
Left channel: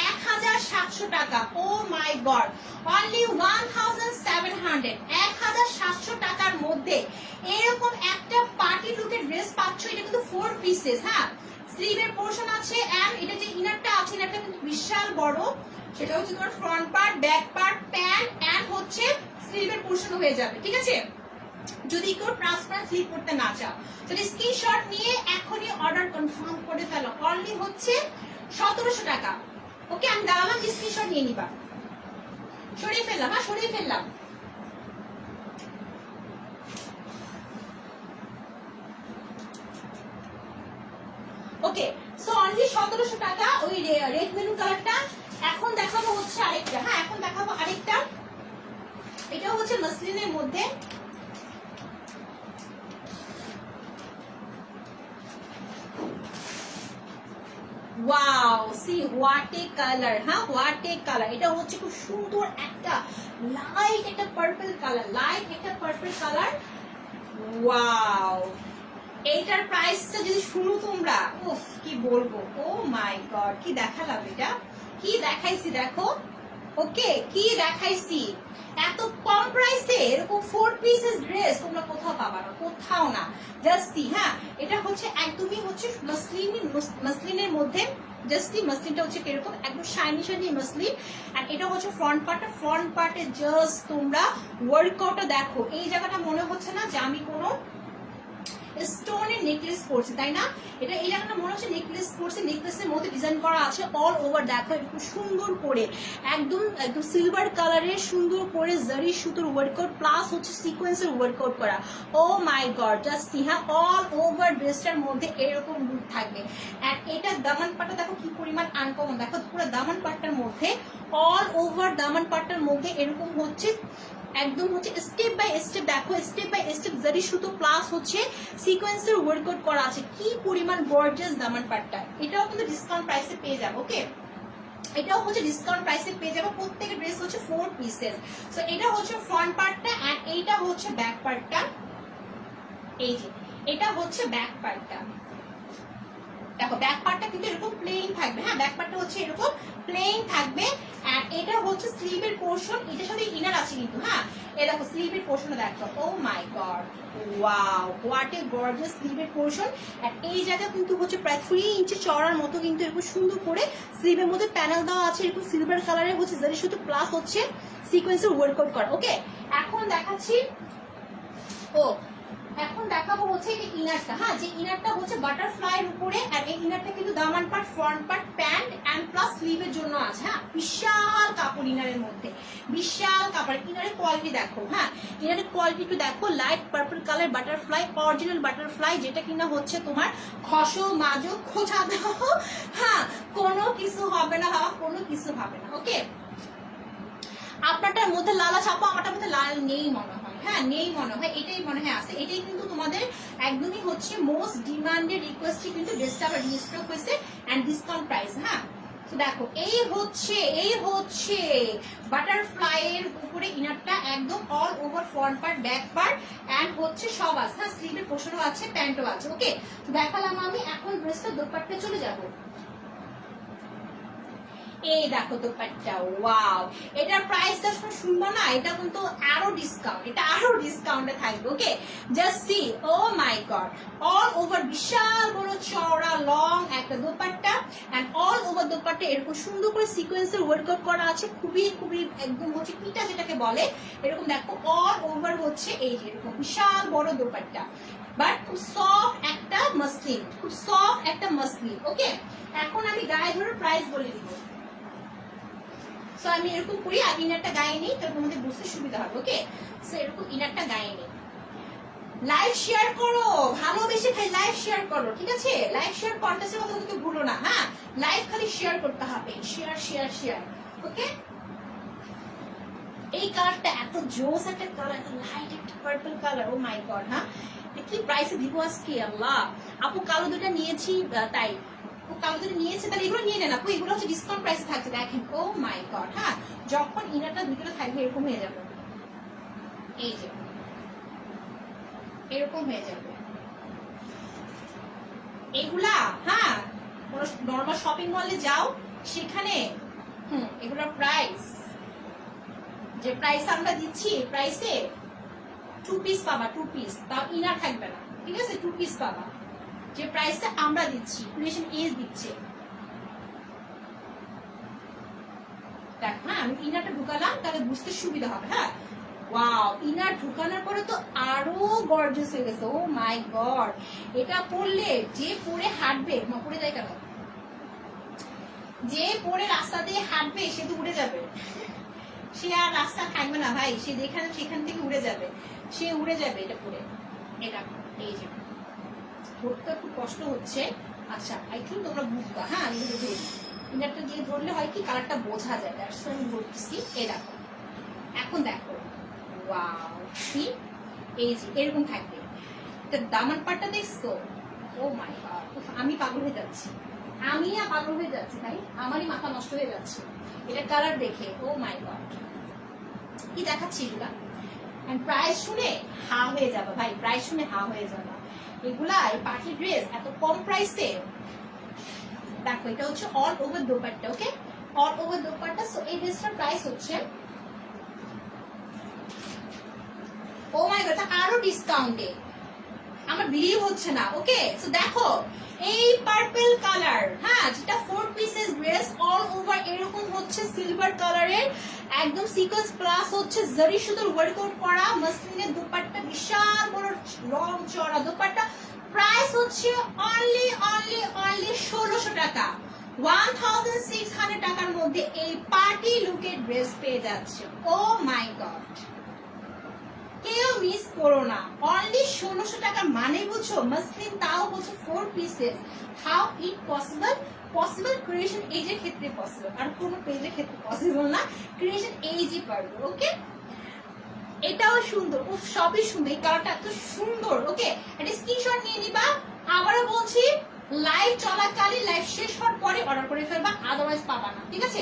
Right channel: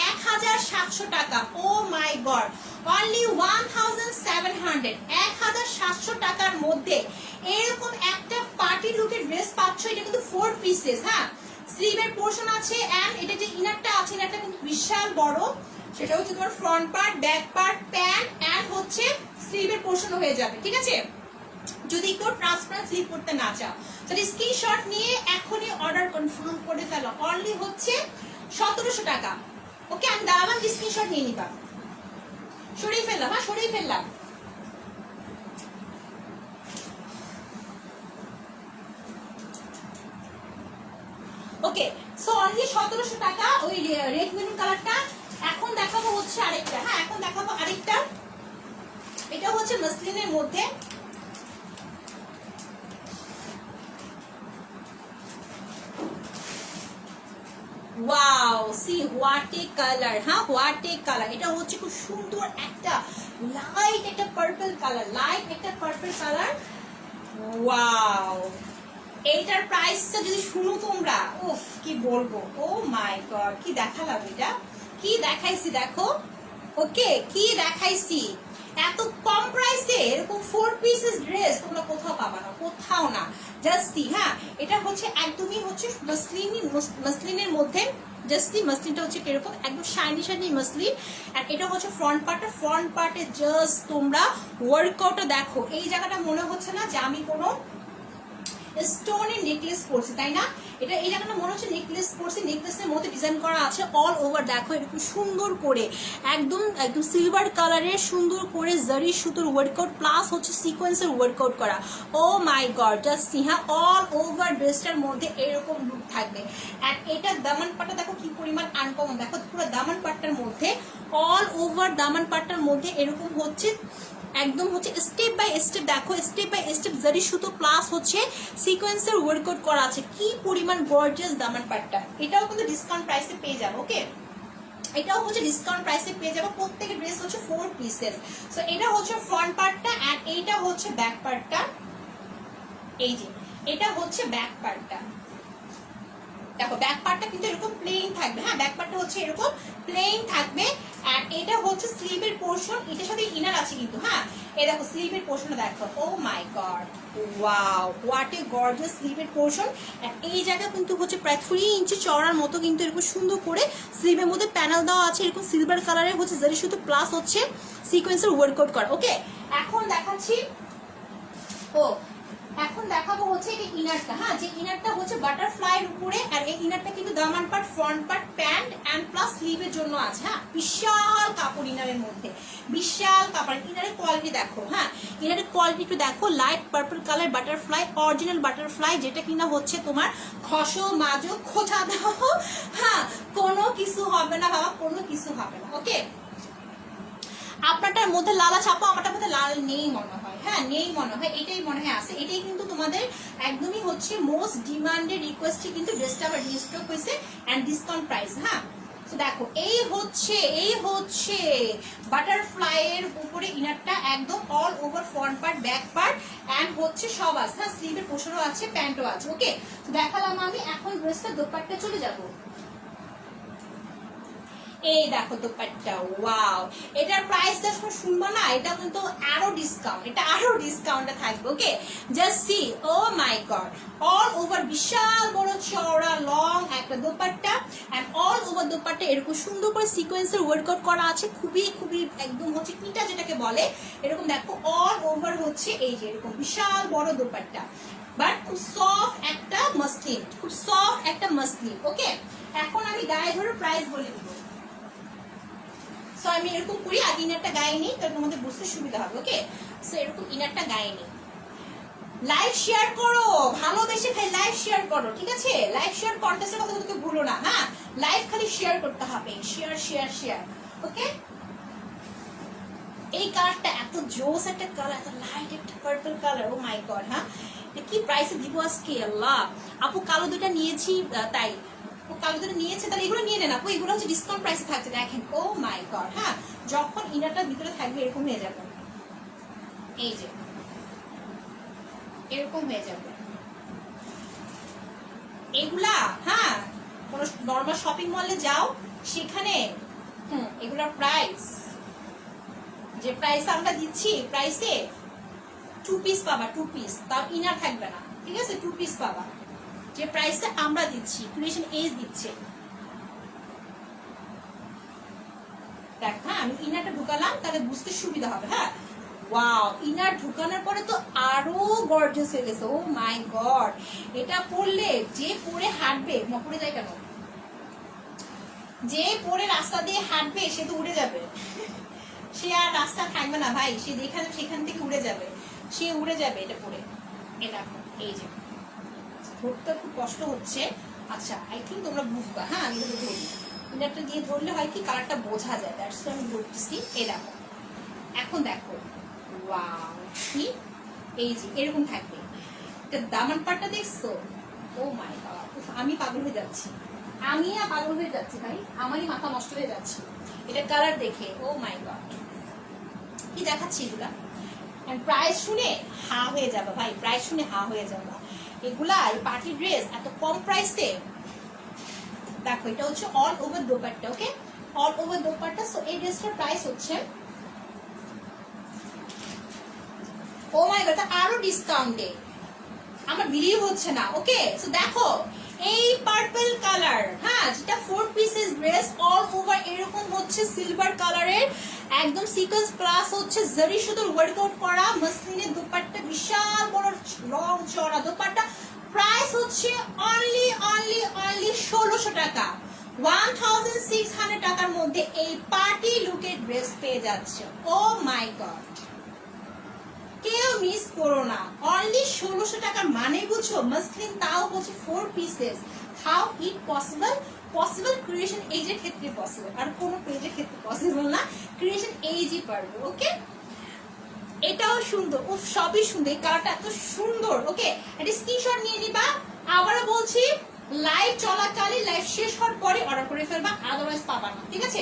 1700 টাকা। ও মাই গড, অনলি 1700, 1700 টাকার মধ্যে এরকম একটা পার্টি লুকের ড্রেস পাচ্ছ। এটা কিন্তু 4 পিসেস, হ্যাঁ, স্লিভের পোর্শন আছে এন্ড এটা যে ইনারটা আছে, ইনারটা কিন্তু বিশাল বড়। সেটা হচ্ছে তোমার front part, back part, pant and হচ্ছে স্লিভের পোর্শন হয়ে যাবে, ঠিক আছে। যদি কেউ ট্রান্সপারেন্ট স্লিভ করতে না চাও তাহলে স্ক্রিনশট নিয়ে এখনই অর্ডার কনফার্ম করে ফেলো। অনলি হচ্ছে 1700 টাকা। ওকে, আমি দাঁড়ালাম, স্ক্রিনশট নিয়ে নিবা। সরিয়ে ফেললাম, হ্যাঁ সরিয়ে ফেললাম। ওকে, সো অনলি 1700 টাকা ওই রেড মেরুন কালারটা। এখন দেখাবো হচ্ছে আরেকটা, হ্যাঁ এখন দেখাবো আরেকটা। এটা হচ্ছে মসলিনের মধ্যে, wow see what a colour, হ্যাঁ হোয়াট এ কালার। এটা হচ্ছে খুব সুন্দর একটা লাইট একটা পার্পল কালার, লাইট একটা পার্পল কালার। ওয়াও, এইটার প্রাইসটা যদি শুনো তোমরা, উফ কি বলবো, ও মাই গড, কি দেখালাম এটা, কি দেখাইছি দেখো। ওকে, কি দেখাইছি, এত কম প্রাইসে এরকম 4 পিসেস ড্রেস তোমরা কোথাও পাবা না, কোথাও না। জাস্ট সি, হ্যাঁ এটা হচ্ছে একদমই হচ্ছে মসলিনের মধ্যে। জাস্ট সি মসলিনটা হচ্ছে কিরকম, একদম শাইনি শাইনি মসলিন। আর এটা হচ্ছে ফ্রন্ট পার্টটা, ফ্রন্ট পার্টে জাস্ট তোমরা ওয়ার্কআউটটা দেখো। এই জায়গাটা মনে হচ্ছে না যে আমি কোনো স্টোনের নেকলেস পরছি, তাই না? এটা এই জায়গাটা মনে হচ্ছে নেকলেস পরছি, নেকলেসের মধ্যে ডিজাইন করা আছে অল ওভার। দেখো এরকম সুন্দর করে একদম একদম সিলভার কালারের সুন্দর করে জারি সুতোর ওয়ার্কআউট প্লাস হচ্ছে সিকোয়েন্সের ওয়ার্কআউট করা। ও মাই গড, জাস্ট সি, হ্যাঁ অল ওভার ড্রেসটার মধ্যে এরকম লুক থাকবে। আর এটা দামান পাটটা দেখো কি পরিমাণ আনকমন, দেখো পুরো দামান পাটটার মধ্যে অল ওভার দামান পাটটার মধ্যে এরকম হচ্ছে একদম হচ্ছে স্টেপ বাই স্টেপ। দেখো স্টেপ বাই স্টেপ জারি সুতো প্লাস হচ্ছে সিকোয়েন্সের ওয়ার্কআউট করা আছে। কি পরিমাণ গর্জিয়াস দামান পাটটা। এটাও কিন্তু ডিসকাউন্ট প্রাইসে পেয়ে যাবো। ওকে, এটাও হচ্ছে ডিসকাউন্ট প্রাইসে পেয়ে যাবো। প্রত্যেকটা ড্রেস হচ্ছে 4 পিসেস। সো এটা হচ্ছে ফ্রন্ট পার্টটা আর এইটা হচ্ছে ব্যাক পার্টটা। এই যে এটা হচ্ছে ব্যাক পার্টটা, দেখো ব্যাক পার্টটা কিন্তু এরকম প্লেন থাকবে, হ্যাঁ ব্যাক পার্টটা হচ্ছে এরকম প্লেন থাকবে। আর এটা হচ্ছে স্লিভের পোর্শন, এটার সাথে ইনার আছে কিন্তু, হ্যাঁ এই দেখো স্লিভের পোর্শনটা দেখো। Oh my god, wow what a gorgeous স্লিভের পোর্শন। আর এই জায়গা কিন্তু হচ্ছে প্রায় 3 ইঞ্চি চওড়ার মতো কিন্তু এরকম সুন্দর করে স্লিভের মধ্যে প্যানেল দেওয়া আছে, এরকম সিলভার কালারের হচ্ছে জারি সুতো প্লাস হচ্ছে সিকোয়েন্সের ওয়ার্কআউট করা। ওকে, এখন দেখাচ্ছি, এখন দেখাবো হচ্ছে এই ইনারটা, হ্যাঁ যে ইনারটা হচ্ছে বাটারফ্লাই এর উপরে। আর এই ইনারটা কিন্তু দামান part, front part, pant and plus স্লিভের জন্য আছে, হ্যাঁ বিশাল কাপড় ইনারের মধ্যে, বিশাল কাপড়। ইনারের কোয়ালিটি দেখো, হ্যাঁ ইনারের কোয়ালিটি একটু দেখো, light purple colour butterfly, original butterfly, যেটা কিনা হচ্ছে তোমার খসো মাজো খোঁচা দাও, হ্যাঁ কোনো কিছু হবে না বাবা, কোনো কিছু হবে না। ওকে, আপনারটার মধ্যে লাল আছে আপু, আমারটার মধ্যে লাল নেই মনে হয়, হ্যাঁ নেই মনে হয়, এটাই মনে হয় আছে। এটাই কিন্তু তোমাদের একদমই হচ্ছে মোস্ট ডিমান্ডেড রিকোয়েস্টই কিন্তু ড্রেসটা আবার রিস্টক হয়েছে এন্ড ডিসকাউন্ট প্রাইস। হ্যাঁ তো দেখো এই হচ্ছে বাটারফ্লাই এর উপরে ইনারটা, একদম all over front part, back part and হচ্ছে সব আছে, হ্যাঁ স্লিভের পোর্শনও আছে, প্যান্টও আছে। ওকে, দেখালাম আমি, এখন ড্রেসটা দোপাট্টা চলে যাবো। এই দেখো দোপাট্টা, ওয়াও এটার প্রাইসটা শুনবো না, এটা কিন্তু আরো ডিসকাউন্ট, এটা আরো ডিসকাউন্টে থাকবে। Okay, just see, oh my god, all over বিশাল বড় চওড়া লং একটা dupatta and all over dupatta এরকম সুন্দর করে সিকোয়েন্সের ওয়ার্কআউট করা আছে, খুবই খুবই একদম হচ্ছে পিটা যেটাকে বলে, এরকম দেখো অল ওভার হচ্ছে এই যে এরকম বিশাল বড় দোপাট্টা, বাট খুব সফট একটা মসলিন, খুব সফট একটা মসলিন। ওকে, এখন আমি গায়ে ধরে প্রাইস বলে দিব। সো আমি এরকম করি, আর ইনারটা গায়ে নেই, তাহলে তোমাদের বুঝতে সুবিধা হবে। ওকে, সো এরকম ইনারটা গায়ে নেই। লাইভ শেয়ার করো, ভালোবেসে খাই লাইভ শেয়ার করো, ঠিক আছে? লাইভ শেয়ার কন্টেস্টের কথা তোকে ভুলো না, হ্যাঁ লাইভ খালি শেয়ার করতে হবে, শেয়ার শেয়ার শেয়ার। ওকে, এই কালারটা এত জোস একটা কালার, এত লাইট একটা purple colour, O my god. হ্যাঁ কি প্রাইসে দিব আজকে আল্লাহ। আপু কালো দুটা নিয়েছি তাই, ও কালো দুটো নিয়েছে তাহলে এগুলো নিয়ে নেন আপু, এগুলো হচ্ছে ডিসকাউন্ট প্রাইসে থাকছে। দেখেন ও মাই গড, হ্যাঁ যখন ইনারটা ভিতরে থাকবে এরকম হয়ে যাবে, এই যে এরকম হয়ে যাবে এগুলা। হ্যাঁ কোন নর্মাল শপিং মলে যাও সেখানে এগুলোর প্রাইস যে প্রাইস আমরা দিচ্ছি, প্রাইসে 2 পিস পাবা, 2 পিস, তাও ইনার থাকবে না, ঠিক আছে? 2 পিস পাবা যে প্রাইসে আমরা দিচ্ছি, ক্রিয়েশন এজ দিচ্ছে। দেখ, হ্যাঁ আমি ইনারটা ঢুকালাম তাহলে বুঝতে সুবিধা হবে। হ্যাঁ, ওয়াও, ইনার ঢুকানোর পরে তো আরো গর্জিয়াস হয়ে গেছে। ও মাই গড, এটা পরলে যে পরে হাঁটবে, পরে যায় কেন, যে পরে রাস্তা দিয়ে হাঁটবে সে তো উড়ে যাবে, সে আর রাস্তা থাকবে না ভাই, সে যেখানে সেখান থেকে উড়ে যাবে, সে উড়ে যাবে এটা পরে। এটা এই যে ধরতে খুব কষ্ট হচ্ছে। আচ্ছা, আই থিঙ্ক তোমরা বুঝবা। হ্যাঁ, আমি ধরে ধরি, ইনারটা দিয়ে ধরলে হয় কি কালারটা বোঝা যায়, দ্যাটস ওয়াই আমি ধরতেছি। এই দেখো, এখন দেখো, ওয়াও, কি এই যে এরকম থাকবে। এটা দামান পাটটা দেখছো? ও মাই গড, আমি পাগল হয়ে যাচ্ছি, আমি পাগল হয়ে যাচ্ছি ভাই, আমারই মাথা নষ্ট হয়ে যাচ্ছে এটা কালার দেখে। ও মাই গড, কি দেখাচ্ছি এগুলা, প্রাইস শুনে হা হয়ে যাবে ভাই, প্রাইস শুনে হা হয়ে যাবে। এগুলা এই পার্টি ড্রেস এত কম প্রাইসে। দেখো, এটা হচ্ছে অল ওভার দোপাট্টা, ওকে, অল ওভার দোপাট্টা। সো এই ড্রেসটার প্রাইস হচ্ছে, ও মাই গড, আরো ডিসকাউন্টে, আমার বিলিভ হচ্ছে না। ওকে, সো দেখো এই পার্পল কালার, হ্যাঁ, যেটা 4 পিসেস ড্রেস অল ওভার এরকম হচ্ছে সিলভার কালারের, একদম সিকোয়েন্স প্লাস হচ্ছে জরি সুতোর ওয়ার্কআউট করা মসলিনের দোপাট্টা, বিশাল বড় লং চড়া দোপাট্টা। প্রাইস হচ্ছে অনলি 1600 টাকা, 1600 টাকার মধ্যে এই পার্টি লুকের ড্রেস পেয়ে যাচ্ছে। ও মাই গড, কেউ মিস করো না, অনলি 1600 টাকা মানে বুঝছো, মসলিন, তাও হচ্ছে 4 pieces. How it possible? Possible creation এজের ক্ষেত্রে পসিবল, আর কোনো পেজের ক্ষেত্রে পসিবল না, ক্রিয়েশন এজই পারবে। ওকে, এটাও সুন্দর, উফ সবই সুন্দর, এই কালারটা এত সুন্দর। ওকে, এটা স্ক্রিনশট নিয়ে নিবা। আবারও বলছি, লাইভ চলাকালীন, লাইভ শেষ হওয়ার পরে অর্ডার করে ফেলবা, আদারওয়াইজ পাবা না, ঠিক আছে?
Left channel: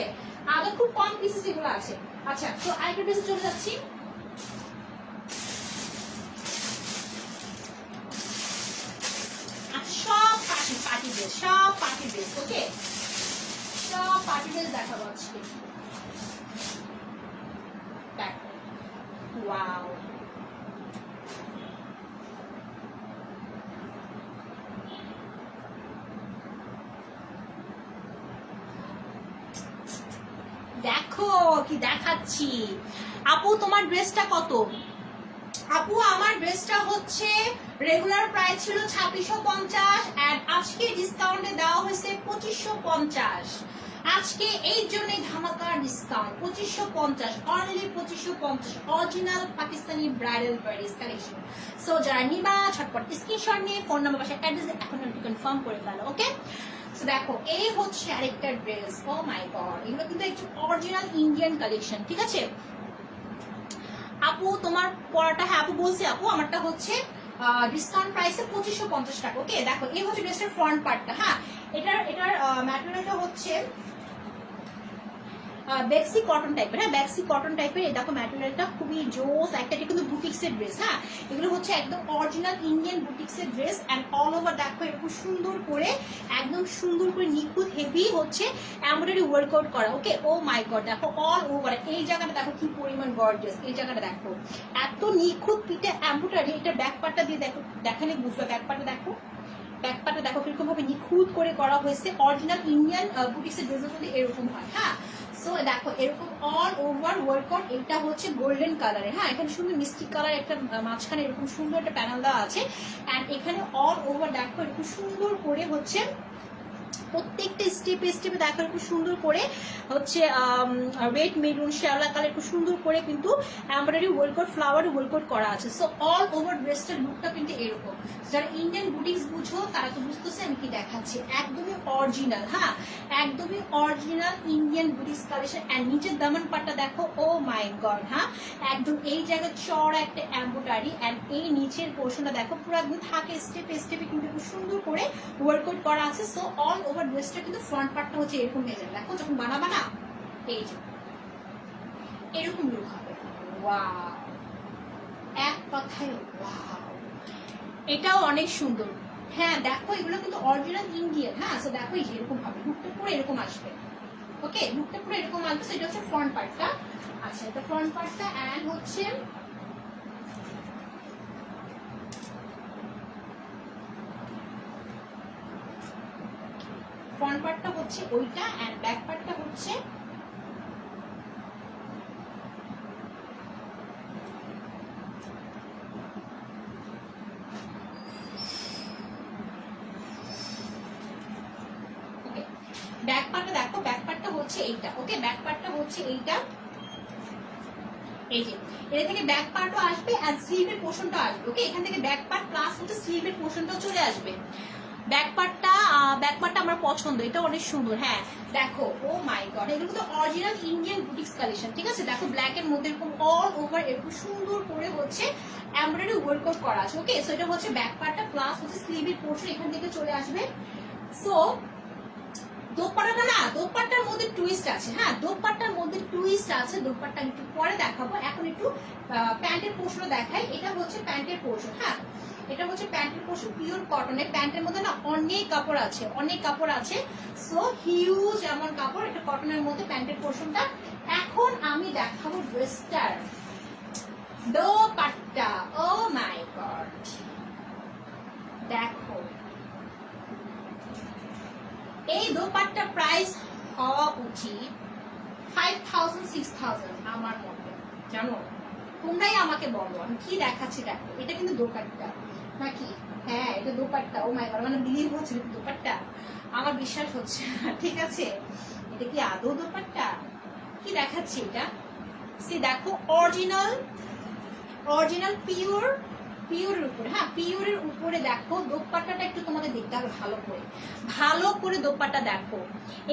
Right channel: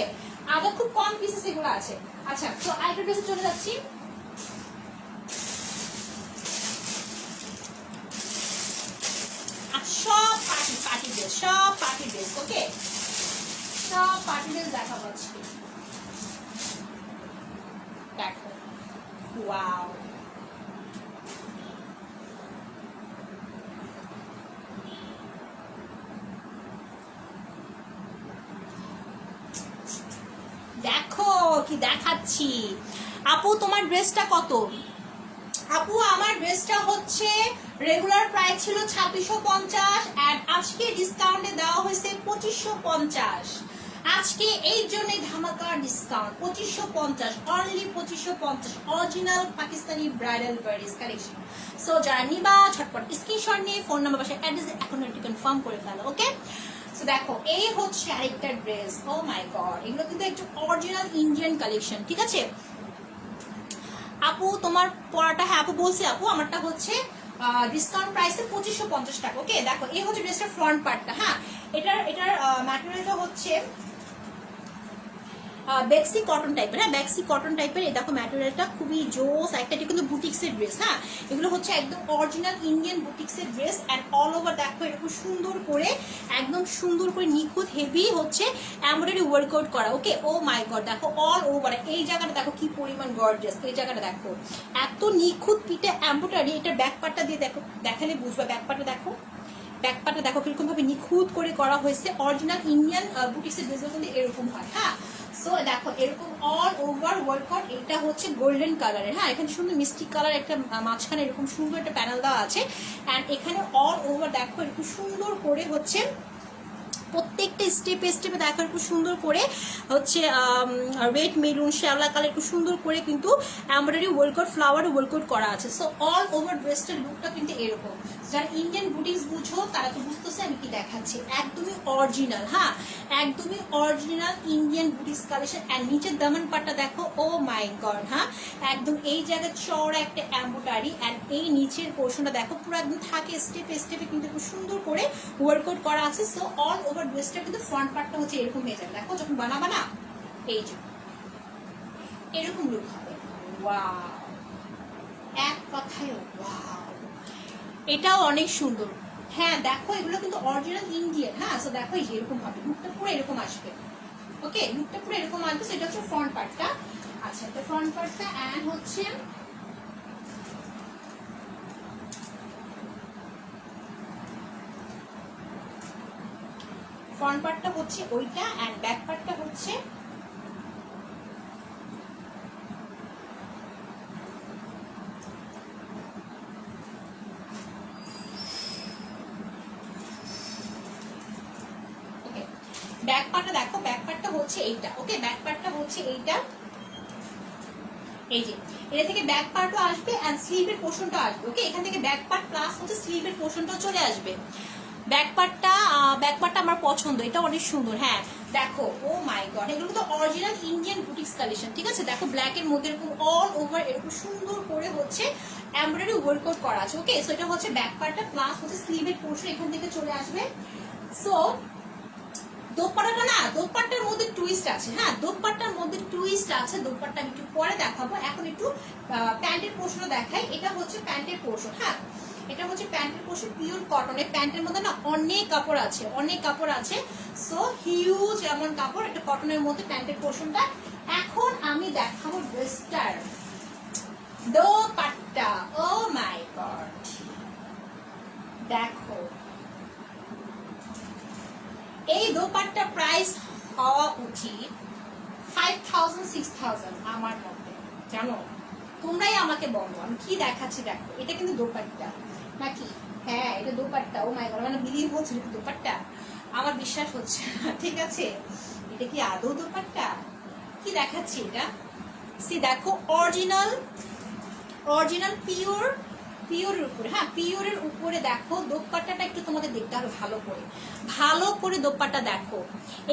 আবার খুব কম পিসেস এগুলো আছে। আচ্ছা, তো আইটা ড্রেসে চলে যাচ্ছি। সব পার্টি ড্রেস, সব পার্টি ড্রেস। ওকে, সব পার্টি ড্রেস দেখা যাচ্ছে। দেখো, ওয়াও, দেখো কি দেখাচ্ছি। আপু তোমার ড্রেসটা কত? আপু আমার ড্রেসটা হচ্ছে রেগুলার প্রাইস ছিল 2650, এন্ড আজকে ডিসকাউন্টে দেওয়া হয়েছে 2550। আজকে এই জন্যই ধামাকা discount, 2550, only 2550, original Pakistani bridal wears collection. So যারা নিবা ছটপট স্ক্রিনশট নিয়ে ফোন নাম্বার বাসায় অ্যাড্রেস এখন একটু কনফার্ম করে ফেলো। ওকে, সো দেখো এই হচ্ছে আরেকটা ড্রেস। ও মাই গড, এগুলো কিন্তু একটু অরিজিনাল ইন্ডিয়ান কালেকশন, ঠিক আছে? আপু তোমার পড়াটা, হ্যাঁ আপু বলছি, আপু আমারটা হচ্ছে ডিসকাউন্ট প্রাইসে 2550 টাকা। ওকে, দেখো এই হচ্ছে ড্রেসটার ফ্রন্ট পার্টটা। হ্যাঁ, এটার ম্যাটেরিয়ালটা হচ্ছে ব্যাক্সি কটন টাইপের। হ্যাঁ, ব্যাক্সি কটন টাইপের। এই দেখো ম্যাটেরিয়ালটা খুবই জোস একটা, এটা কিন্তু বুটিক্সের ড্রেস। হ্যাঁ, এগুলো হচ্ছে একদম অরিজিনাল ইন্ডিয়ান বুটিক্সের ড্রেস, অ্যান্ড অল ওভার দেখো এরকম সুন্দর করে, একদম সুন্দর করে নিখুঁত হেভি হচ্ছে এমব্রয়ডারি ওয়ার্কআউট করা। ওকে, ও মাই গড, দেখো অল ওভার এই জায়গাটা দেখো কি পরিমাণ গর্জিয়াস, এই জায়গাটা দেখো এত নিখুঁত পিঠে এমব্রয়ডারি। এটা ব্যাক পার্টটা দিয়ে দেখো, দেখালে বুঝবা, ব্যাক পার্টটা দেখো, ব্যাক পার্টটা দেখো কিরকম ভাবে নিখুঁত করে করা হয়েছে। অরিজিনাল ইন্ডিয়ান বুটিক্সের ড্রেসগুলো কিন্তু এরকম হয়। হ্যাঁ, সো দেখো এরকম অল ওভার ওয়ার্কআউট। এটা হচ্ছে গোল্ডেন কালারের। হ্যাঁ, এখানে সুন্দর মিষ্টি কালার একটা মাঝখানে এরকম সুন্দর একটা প্যানেল দেওয়া আছে, অ্যান্ড এখানে অল ওভার দেখো এরকম সুন্দর করে হচ্ছে প্রত্যেকটা স্টেপে স্টেপে দেখো একটু সুন্দর করে হচ্ছে রেড মেরুন শ্যাওলা কালার একটু সুন্দর করে কিন্তু এমব্রয়ডারি ওয়ার্কআউট, ফ্লাওয়ার ওয়ার্কআউট করা আছে। সো অল ওভার ড্রেসটার লুকটা কিন্তু এরকম। যারা ইন্ডিয়ান বুটিক্স বুঝো তারা তো বুঝতেছে আমি কি দেখাচ্ছি, একদমই অরিজিনাল। হ্যাঁ, একদমই original Indian boutiques collection. And নিচের দামান পাটটা দেখো, ও মাই গড, হ্যাঁ একদম এই জায়গায় চড়া একটা এমব্রয়ডারি, অ্যান্ড এই নিচের পোর্শনটা দেখো পুরো একদম থাকে স্টেপে স্টেপে কিন্তু খুব সুন্দর করে ওয়ার্কআউট করা আছে। সো অল ওভার ড্রেসটা কিন্তু ফ্রন্ট পার্টটা হচ্ছে এরকম হয়ে যাবে। দেখো যখন বানাবা না, এই যে এরকম লুক হবে। ওয়াও, এক কথায় ওয়াও, এটাও অনেক সুন্দর। হ্যাঁ দেখো এগুলো কিন্তু অরিজিনাল ইন্ডিয়ান। হ্যাঁ, সো দেখো এই যে এরকম হবে, লুকটা পুরো এরকম আসবে। ওকে, লুকটা পুরো এরকম আসবে। এটা হচ্ছে ফ্রন্ট পার্টটা। আচ্ছা, এটা ফ্রন্ট পার্টটা এন্ড হচ্ছে ফ্রন্ট পার্টটা হচ্ছে ওইটা এন্ড ব্যাক পার্টটা হচ্ছে ব্যাক পার্টটা দেখো, ব্যাক পার্টটা হচ্ছে এইটা। ওকে, ব্যাক পার্টটা হচ্ছে এইটা, এই যে এটা থেকে ব্যাক পার্টও আসবে এন্ড স্লিভের পোর্শনটা আসবে। ওকে, এখান থেকে ব্যাক পার্ট প্লাস হচ্ছে স্লিভের পোর্শনটা চলে আসবে। ব্যাক পার্টটা আমার পছন্দ, এটা অনেক সুন্দর। হ্যাঁ দেখো, ও মাই গড, এগুলো তো অরিজিনাল ইন্ডিয়ান বুটিক্স কালেকশন। ঠিক আছে, দেখো ব্ল্যাক এর মধ্যে এরকম অল ওভার এরকম সুন্দর করে হচ্ছে এমব্রয়ডারি ওয়ার্কআউট করা আছে। ওকে, সো এটা হচ্ছে ব্যাক পার্টটা প্লাস হচ্ছে স্লিভের পোর্শন এখান থেকে চলে আসবে। সো দোপাট্টাটা না, দোপাট্টার মধ্যে টুইস্ট আছে। হ্যাঁ, দোপাট্টার মধ্যে টুইস্ট আছে। দোপাট্টা আমি একটু পরে দেখাবো, এখন একটু প্যান্টের পোর্শনটা দেখাই। এটা হচ্ছে প্যান্টের পোর্শন। হ্যাঁ, এটা হচ্ছে প্যান্টের পোর্শন, পিওর কটনের। প্যান্টের মধ্যে না অনেক কাপড় আছে, অনেক কাপড় আছে। সো হিউজ এমন কাপড়, এটা কটনের মধ্যে প্যান্টের পোর্শনটা। এখন আমি দেখাবো ড্রেসটার দোপাট্টা। ও মাই গড, দেখো এই দোপাট্টার প্রাইস হওয়া উচিত 5000 6000 আমার মতে। জানো, তোমরাই আমাকে বলো আমি কি দেখাচ্ছি। দেখো, এটা কিন্তু দোপাট্টা নাকি? হ্যাঁ, এটা দোপাট্টা। ও মাই গড, মানে বিলিভ হচ্ছে না দোপাট্টা, আমার বিশ্বাস হচ্ছে না। ঠিক আছে, এটা কি আদৌ দোপাট্টা? কি দেখাচ্ছি এটা? সি দেখো, অরিজিনাল পিওরের উপরে। হ্যাঁ, পিওরের উপরে দেখো দোপাট্টাটা একটু তোমাদের দেখতে হবে ভালো করে দোপাট্টা দেখো।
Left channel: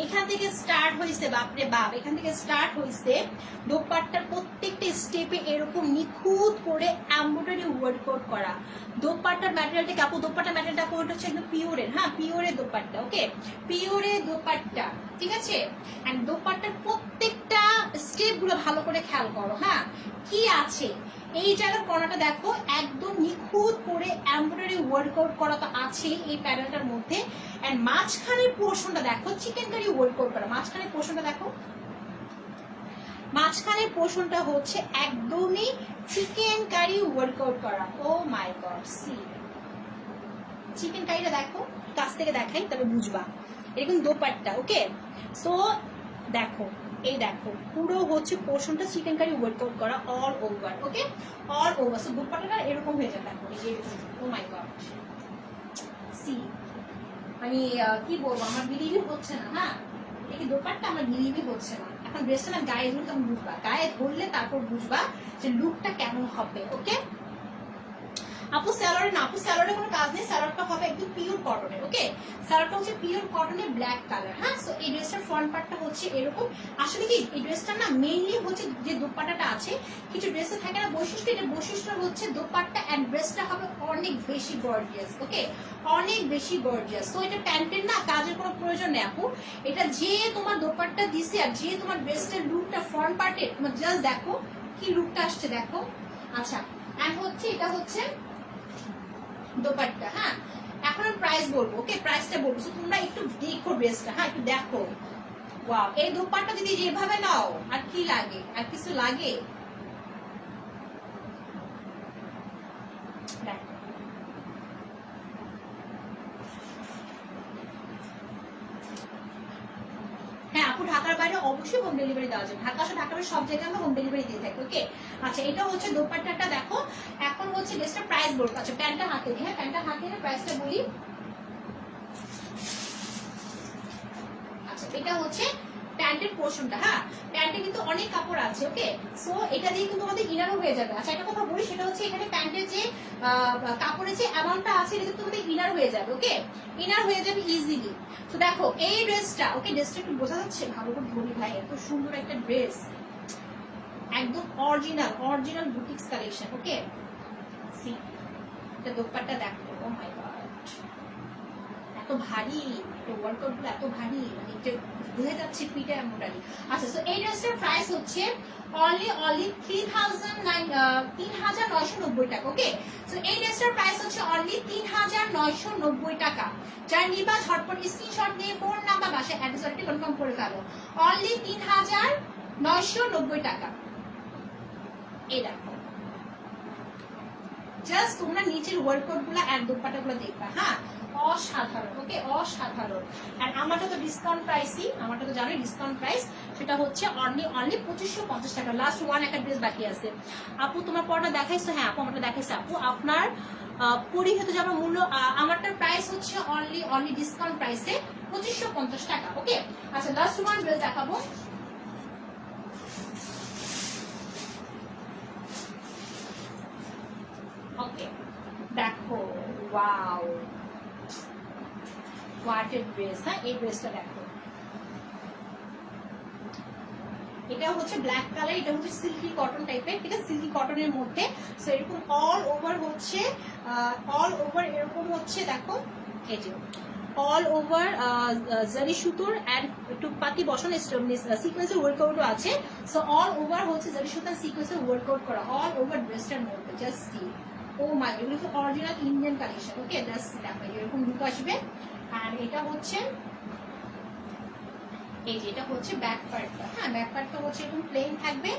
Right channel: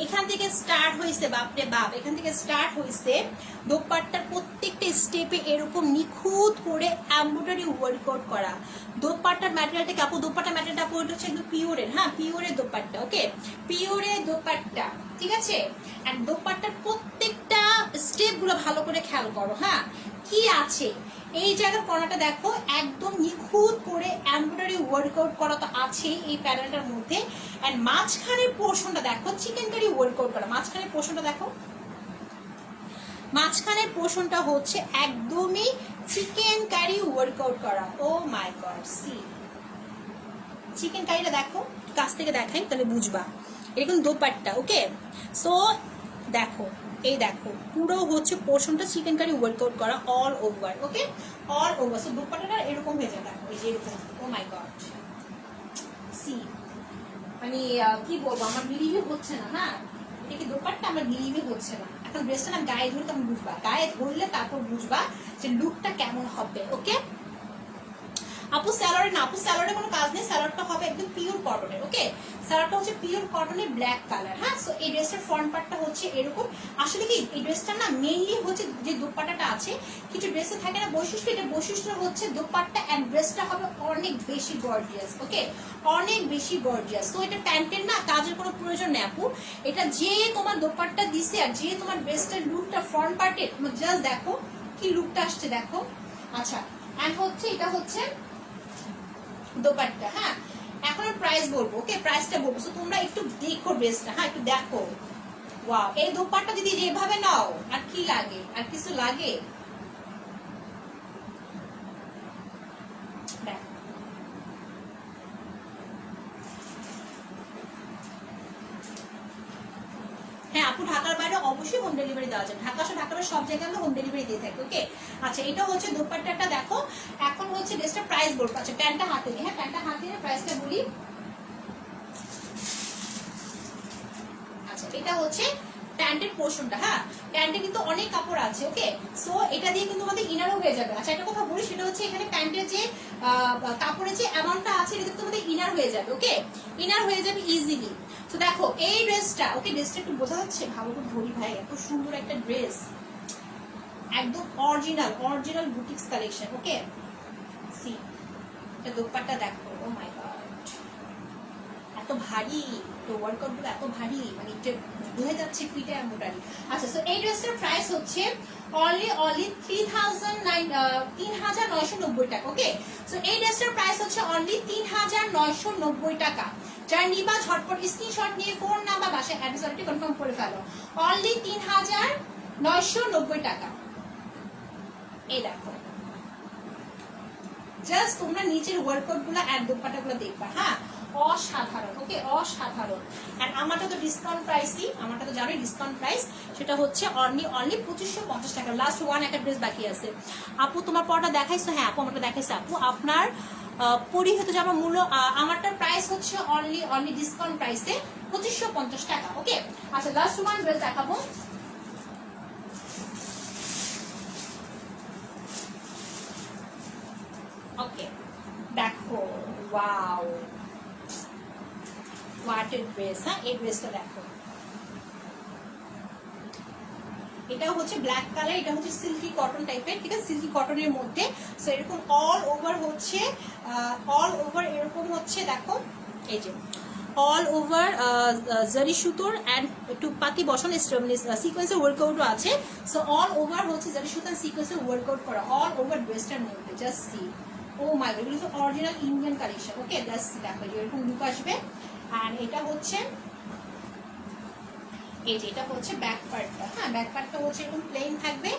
এখান থেকে স্টার্ট হয়েছে, বাপরে বাপ, এখান থেকে স্টার্ট হয়েছে দোপাট্টার প্রত্যেকটা স্টেপে এরকম নিখুঁত করে এমব্রয়ডারি ওয়ার্কআউট করা। দোপাট্টার ম্যাটেরিয়ালটা কাপড়, দোপাট্টার ম্যাটেরিয়ালটা কাপড়টা হচ্ছে একদম পিওরের। হ্যাঁ, পিওরের দোপাট্টা। ওকে, পিওরের দোপাট্টা। ঠিক আছে, এন্ড দোপাট্টার প্রত্যেকটা স্টেপ গুলো ভালো করে খেয়াল করো। হ্যাঁ, কি আছে এই জায়গার কর্নারটা দেখো, একদম নিখুঁত করে এমব্রয়ডারি ওয়ার্কআউট করা তো আছে এই প্যানেলটার মধ্যে। এন্ড মাঝখানের পোর্শনটা দেখো চিকেন কারি ওয়ার্কআউট করা। মাঝখানের পোর্শনটা দেখো, মাঝখানের পোর্শনটা হচ্ছে একদমই চিকেন কারি ওয়ার্কআউট করা। ও মাই গড, সি চিকেন কারিটা দেখো, কাছ থেকে দেখাই তাহলে বুঝবা। এরকম দোপাট্টা। ওকে, সো দেখো, এই দেখো পুরো হচ্ছে পোর্শনটা চিকেন কারি ওয়ার্কআউট করা অল ওভার। ওকে, অল ওভার। সো দোপাট্টাটা এরকম হয়ে যায়। দেখো এরকম। ও মাই গড, সি আমি কি বলবো, আমার বিলিভই হচ্ছে না। হ্যাঁ, এটা কি দোপাট্টা? আমার বিলিভই হচ্ছে না। এখন ড্রেসটা না গায়ে ধরলে তুমি বুঝবা, গায়ে ধরলে তারপর বুঝবা যে লুকটা কেমন হবে। ওকে আপু, স্যালোয়ারে না, আপু স্যালোয়ারে কোনো কাজ নেই, স্যালোয়ারটা হবে একদম পিওর কটনের। ওকে, স্যালোয়ারটা হচ্ছে পিওর কটনের ব্ল্যাক কালার। হ্যাঁ, সো এই ড্রেসটার ফ্রন্ট পার্টটা হচ্ছে এরকম। আসলে কি এই ড্রেসটা না মেইনলি হচ্ছে যে দোপাট্টাটা আছে, কিছু ড্রেসে থাকে না বৈশিষ্ট্য, এটা বৈশিষ্ট্য হচ্ছে দোপাট্টা এন্ড ড্রেসটা হবে অনেক বেশি গর্জিয়াস। ওকে, অনেক বেশি গর্জিয়াস। তো এটা প্যান্টের না কাজের কোনো প্রয়োজন নেই আপু, এটা যে তোমার দোপাট্টা দিছে আর যে তোমার ড্রেসটার লুকটা ফ্রন্ট পার্টে তোমার জাস্ট দেখো কি লুকটা আসছে দেখো। আচ্ছা, এন্ড হচ্ছে এটা হচ্ছে দোপাট্টা। হ্যাঁ, এখন আমি প্রাইস বলবো। ওকে, প্রাইসটা বলবো, তো তোমরা একটু দেখো ড্রেসটা। হ্যাঁ, একটু দেখো। ওয়াও, এই দোপাট্টা যদি যেভাবে নাও আর কি লাগে, আর কিছু লাগে? হ্যাঁ আপু, ঢাকার বাইরে অবশ্যই হোম ডেলিভারি দেওয়া যায়। ঢাকা সহ ঢাকার সব জায়গায় আমরা হোম ডেলিভারি দিয়ে থাকি। ওকে, আচ্ছা এটা হচ্ছে দোপাট্টাটা দেখো। এখন হচ্ছে ড্রেসটা প্রাইস বলবো। আচ্ছা, প্যান্টটা হাতে নিয়ে, হ্যাঁ প্যান্টটা হাতে নিয়ে প্রাইসটা বলি। আচ্ছা, এটা হচ্ছে প্যান্টের পোর্শনটা। হ্যাঁ, প্যান্টে কিন্তু অনেক কাপড় আছে। ওকে, সো এটা দিয়ে কিন্তু আমাদের ইনারও হয়ে যাবে। আচ্ছা, একটা কথা বলি, সেটা হচ্ছে এখানে প্যান্টের যে কাপড়ের যে অ্যামাউন্টটা আছে এটা কিন্তু আমাদের ইনার হয়ে যাবে। ওকে, ইনার হয়ে যাবে ইজিলি। তো দেখো এই ড্রেসটা, ওকে ড্রেসটা একটু বোঝা যাচ্ছে, ভালো করে ধরি ভাই, এত সুন্দর একটা ড্রেস, একদম অরিজিনাল বুটিক্স কালেকশন। ওকে, সি এটা দোপাট্টা দেখো। ও মাই গড, এত ভারী, তো ওয়ার্কআউট গুলো এত ভারী, মানে এটা বুঝে যাচ্ছে ফিটে এমব্রয়ডারি। আচ্ছা, সো এই ড্রেসটার প্রাইস হচ্ছে অনলি 3990 টাকা। ওকে, সো এই ড্রেসটার প্রাইস হচ্ছে অনলি 3990 টাকা। যারা নিবা ঝটপট স্ক্রিনশট নিয়ে ফোন নাম্বার বাসায় অ্যাড্রেস কনফার্ম করে ফেলো। অনলি 3990 টাকা। এই দেখো, জাস্ট তোমরা নিচের ওয়ার্কআউট গুলো আর দোপাট্টা গুলো দেখবা, হ্যাঁ অসাধারণ। ওকে, অসাধারণ। এন্ড আমারটা তো ডিসকাউন্ট প্রাইসই, আমারটা তো জানোই ডিসকাউন্ট প্রাইস, সেটা হচ্ছে অনলি 2550 টাকা। লাস্ট ওয়ান একটা ড্রেস বাকি আছে। আপু তোমার পরটা দেখাইছো? হ্যাঁ আপু আমারটা দেখাইছে। আপু আপনার পরিহিত জামা মূল্য, আমারটার প্রাইস হচ্ছে অনলি ডিসকাউন্ট প্রাইসে 2550 টাকা। ওকে, আচ্ছা লাস্ট ওয়ান ড্রেস দেখাবো। ওকে দেখো, ওয়াও হোয়াট এ ড্রেস। হ্যাঁ এই ড্রেসটা দেখো, এটা হচ্ছে ব্ল্যাক কালার, এটা হচ্ছে সিল্কি কটন টাইপের, ঠিক আছে, সিল্কি কটনের মধ্যে। সো এরকম অল ওভার হচ্ছে, অল ওভার এরকম হচ্ছে দেখো, এই যে অল ওভার জারি সুতোর এন্ড টুকপাতি বসন সিকোয়েন্সের ওয়ার্কআউটও আছে। সো অল ওভার হচ্ছে জারি সুতার সিকোয়েন্সের ওয়ার্কআউট করা অল ওভার ড্রেসটার মধ্যে। Just see, oh my god, এগুলো হচ্ছে অরিজিনাল ইন্ডিয়ান কালেকশন। ওকে জাস্ট দেখো এরকম লুক আসবে। আর এটা হচ্ছে এই যে এটা হচ্ছে ব্যাক পার্টটা। হ্যাঁ ব্যাক পার্টটা হচ্ছে এরকম প্লেন থাকবে,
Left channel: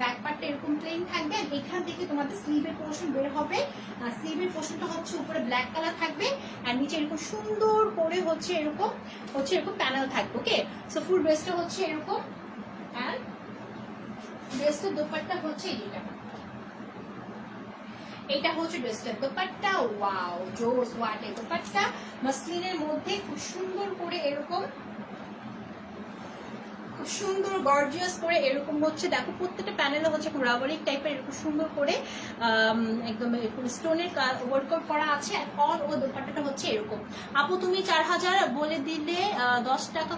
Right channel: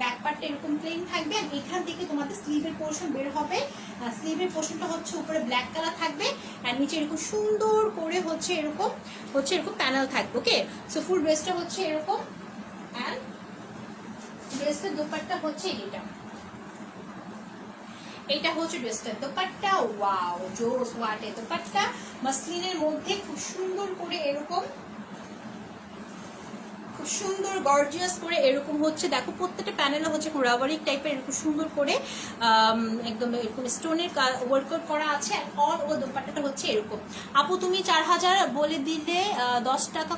ব্যাক পার্টটা এরকম প্লেন থাকবে। আর এখান থেকে তোমাদের স্লিভের পোর্শন বের হবে, স্লিভের পোর্শনটা হচ্ছে উপরে ব্ল্যাক কালার থাকবে আর নিচে এরকম সুন্দর করে হচ্ছে এরকম প্যানেল থাকবে। ওকে, সো ফুল ড্রেসটা হচ্ছে এরকম। এন্ড ড্রেসটার দোপাট্টা হচ্ছে এটা হচ্ছে ড্রেসটার দোপাট্টা। ওয়াও জোস, হোয়াট এ দোপাট্টা, মাসলিনের মধ্যে খুব সুন্দর করে এরকম, খুব সুন্দর গর্জিয়াস করে এরকম হচ্ছে দেখো, প্রত্যেকটা প্যানেলে হচ্ছে রাবারিক টাইপের এরকম সুন্দর করে একদম এরকম স্টোনের ওয়ার্কআউট করা আছে। আর অল ও দোপাট্টাটা হচ্ছে এরকম। আপু তুমি 4000 বলে দিলে 10 টাকা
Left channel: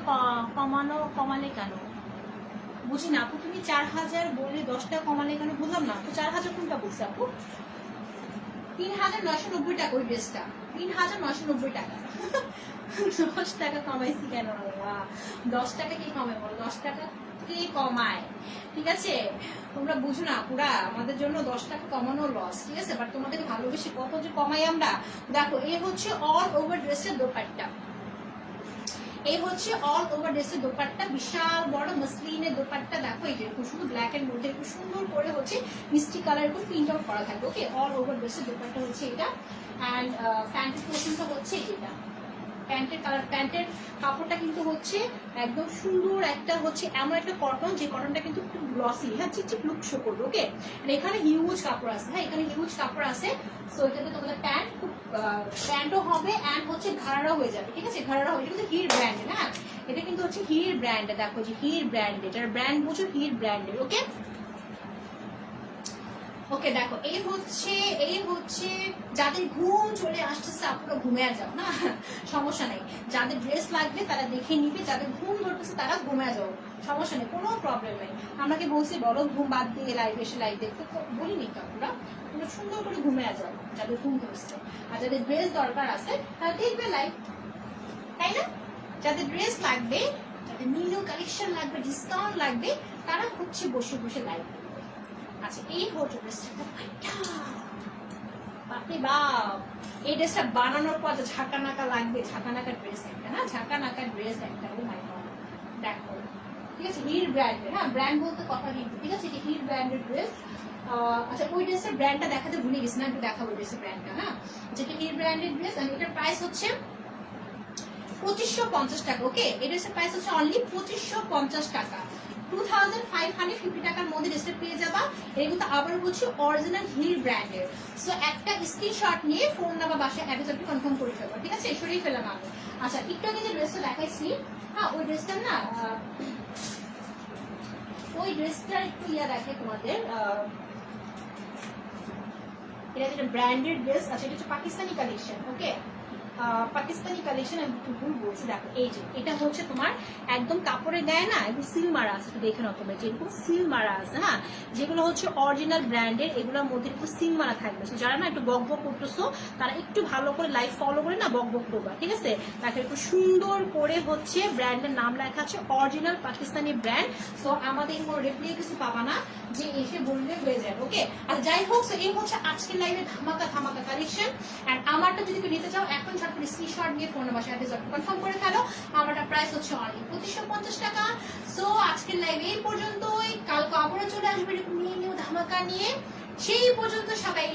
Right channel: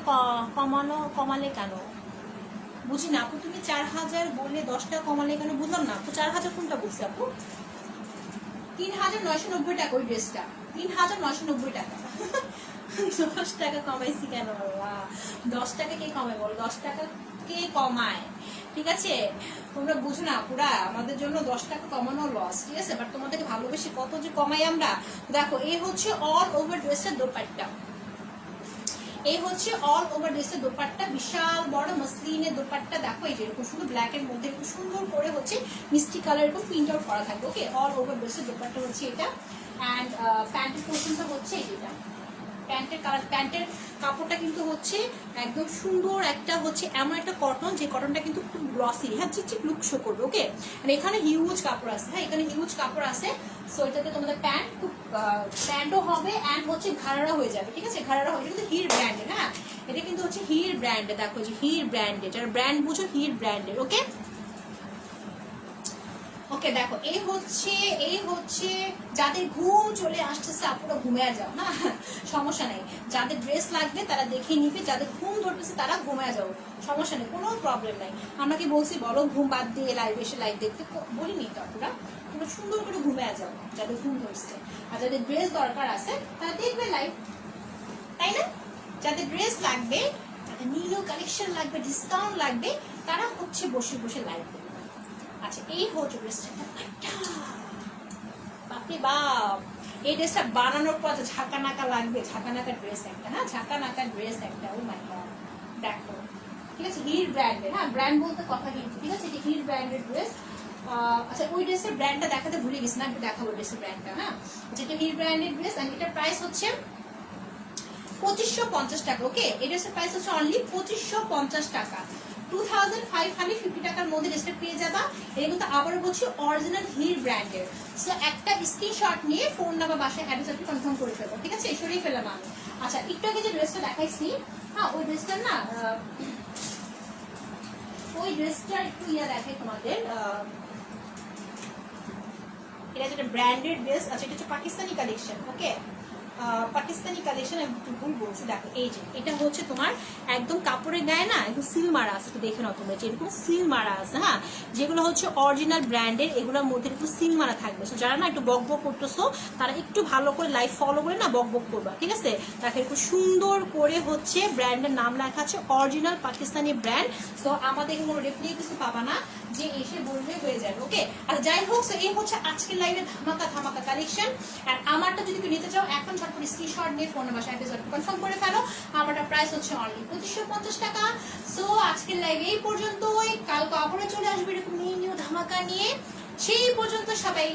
কমালে কেন? বুঝি না আপু, তুমি 4000 বলে 10 টাকা কমালে কেন? বুঝলাম না আপু, 4000 কোনটা বলছে আপু? 3990 টাকা ওই ড্রেসটা, 3990 টাকা। 10 টাকা কমাইছি কেন? 10 টাকা কে কমায় বলো? 10 টাকা কে কমায়? ঠিক আছে, তোমরা বুঝো না পুরা, আমাদের জন্য 10 টাকা কমানো লস, ঠিক আছে, বাট তোমাদেরকে ভালোবেসে কত যে কমাই আমরা। দেখো এই হচ্ছে অল ওভার ড্রেসের দোপাট্টা, এই হচ্ছে অল ওভার ড্রেসের দোপাট্টা, বিশাল বড় মসলিনের দোপাট্টা। দেখো এই যে এরকম শুধু ব্ল্যাক এর মধ্যে একটু সুন্দর করে হচ্ছে মিষ্টি কালার এরকম প্রিন্ট আউট করা থাকবে। ওকে, অল ওভার ড্রেসের দোপাট্টা হচ্ছে এটা। অ্যান্ড প্যান্টের পোর্শনটা হচ্ছে এটা, প্যান্টের কালার, প্যান্টের কাপড়টা কিন্তু হচ্ছে একদম সুন্দর একটা হচ্ছে এমন একটা কটন, যে কটনটা কিন্তু খুব গ্লসি, হ্যাঁ চিকচিক লুক শো করবে। ওকে, এখানে হিউজ কাপড় আছে, হ্যাঁ এখানে হিউজ কাপড় আছে। সো এটাতে তোমাদের প্যান্ট খুব প্যান্টও হবে অ্যান্ড হচ্ছে ঘাড়া হয়ে যাবে, ঠিক আছে, ঘাড়া হয়ে যাবে। হির ব্র্যান্ডের, হ্যাঁ এটা কিন্তু হচ্ছে হির ব্র্যান্ডের। দেখো যে হির ব্র্যান্ডের, যারা ব্র্যান্ড বুঝো হির ব্র্যান্ডের। ওকে ওকে দেখো এই হচ্ছে যাদের ঘুম চলে আসতেছে আপুরা ঘুমিয়ে যাও, না সমস্যা নেই। যাদের ড্রেস লাগবে তারা দেখে নিবে, যাদের ঘুম ধরতেছে তারা ঘুমিয়ে যাও, সমস্যা নেই, কোনো প্রবলেম নাই। আমাকে বলছি বলো ঘুম বাদ দিয়ে লাইভ এসে লাইভ দেখতে, বলিনি তো আপুরা, তোমরা সুন্দর করে ঘুমিয়ে যাও যাদের ঘুম ধরছে। আর যাদের ড্রেস দরকার আছে তারা দেখবে লাইভ, তাই না? যাদের ড্রেস লাগবে, যাদের নিউ কালেকশন লাগবে, ডিসকাউন্ট লাগবে, তারা হচ্ছে বসে বসে লাইভ করবে। আচ্ছা এই হচ্ছে ড্রেসটা, বাপরে বাপ, এই ড্রেসটা বানানোর পর ঝাঁকা নাকা লাগবে, ঝাঁকা নাকা ড্রেস একটা, হ্যাঁ ঝাঁকা নাকা ড্রেস একটা। ও মাই গড দেখো, ঠিক আছে, হির ব্র্যান্ডের, হ্যাঁ ব্র্যান্ড বলতে কথা কিন্তু, ঠিক আছে, এটা হির ব্র্যান্ডের ড্রেস। আচ্ছা ওই ড্রেসের ব্র্যান্ডটা দেখাতে ভুলে গেছি না, একটু দেখাবো ড্রেসের ব্র্যান্ডটা। হ্যাঁ যেটা হির ব্র্যান্ডের ড্রেস, আর এটার প্রাইস হচ্ছে 2550 টাকা। ওকে, এই ড্রেসের প্রাইস হচ্ছে অনলি 2550 টাকা। 2550 টাকার মধ্যে ড্রেসটা পেয়ে যাবা। এর কিন্তু আবার বলছি অরিজিনাল হির ব্র্যান্ডের। সো একটা স্ক্রিনশট নিয়ে ফোন নাম্বার বাসায় অ্যাড্রেস আপনি কনফার্ম করে ফেলবো, ঠিক আছে, সরিয়ে ফেললাম আমি। আচ্ছা একটু আগে যে ড্রেসটা দেখাইছি, হ্যাঁ ওই ড্রেসটা না, ওই ড্রেসটার একটু দেখে তোমাদের, এটা যেটা ব্র্যান্ডেড ড্রেস। আচ্ছা এটা হচ্ছে পাকিস্তানি কালেকশন। ওকে, পাকিস্তানি কালেকশন আমি একটু ভুল বলছি। দেখো এই যে এটা হচ্ছে তোমার একদম কাপড়ের গায়ে না একদম সিল মারা আছে, একটু দেখে নাও তোমরা, যেরকম সিল মারা আছে, হ্যাঁ যেগুলো হচ্ছে অরিজিনাল ব্র্যান্ডের, এগুলোর মধ্যে একটু সিল মারা থাকবে। যারা না একটু বক বক করতেছো তারা একটু ভালো করে লাইভ ফলো করে না বক বক করবা, ঠিক আছে। দেখো একটু সুন্দর করে হচ্ছে ব্র্যান্ডের নাম লেখা আছে, অরিজিনাল পাকিস্তানি ব্র্যান্ড। সো আমাদের কোনো রিপ্লাই কিছু পাবা না যে এসে বললে হয়ে যাবে। ওকে, আর যাই হোক এই হচ্ছে আজকের লাইভে ধামাকা ধামাকা কালেকশন। আর আমারটা যদি তুমি নিতে চাও এখন স্ক্রিনশট নিয়ে ফোনে বসে অ্যাড্রেস কনফার্ম করে ফেলো। আমারটা প্রাইস হচ্ছে অনলি 2550 টাকা। সো সো আজকের লাইভ এই পর্যন্তই, কালকে আবারও চলে আসবে এরকম নিউ নিউ ধামাকা নিয়ে। সেই পর্যন্ত সবাই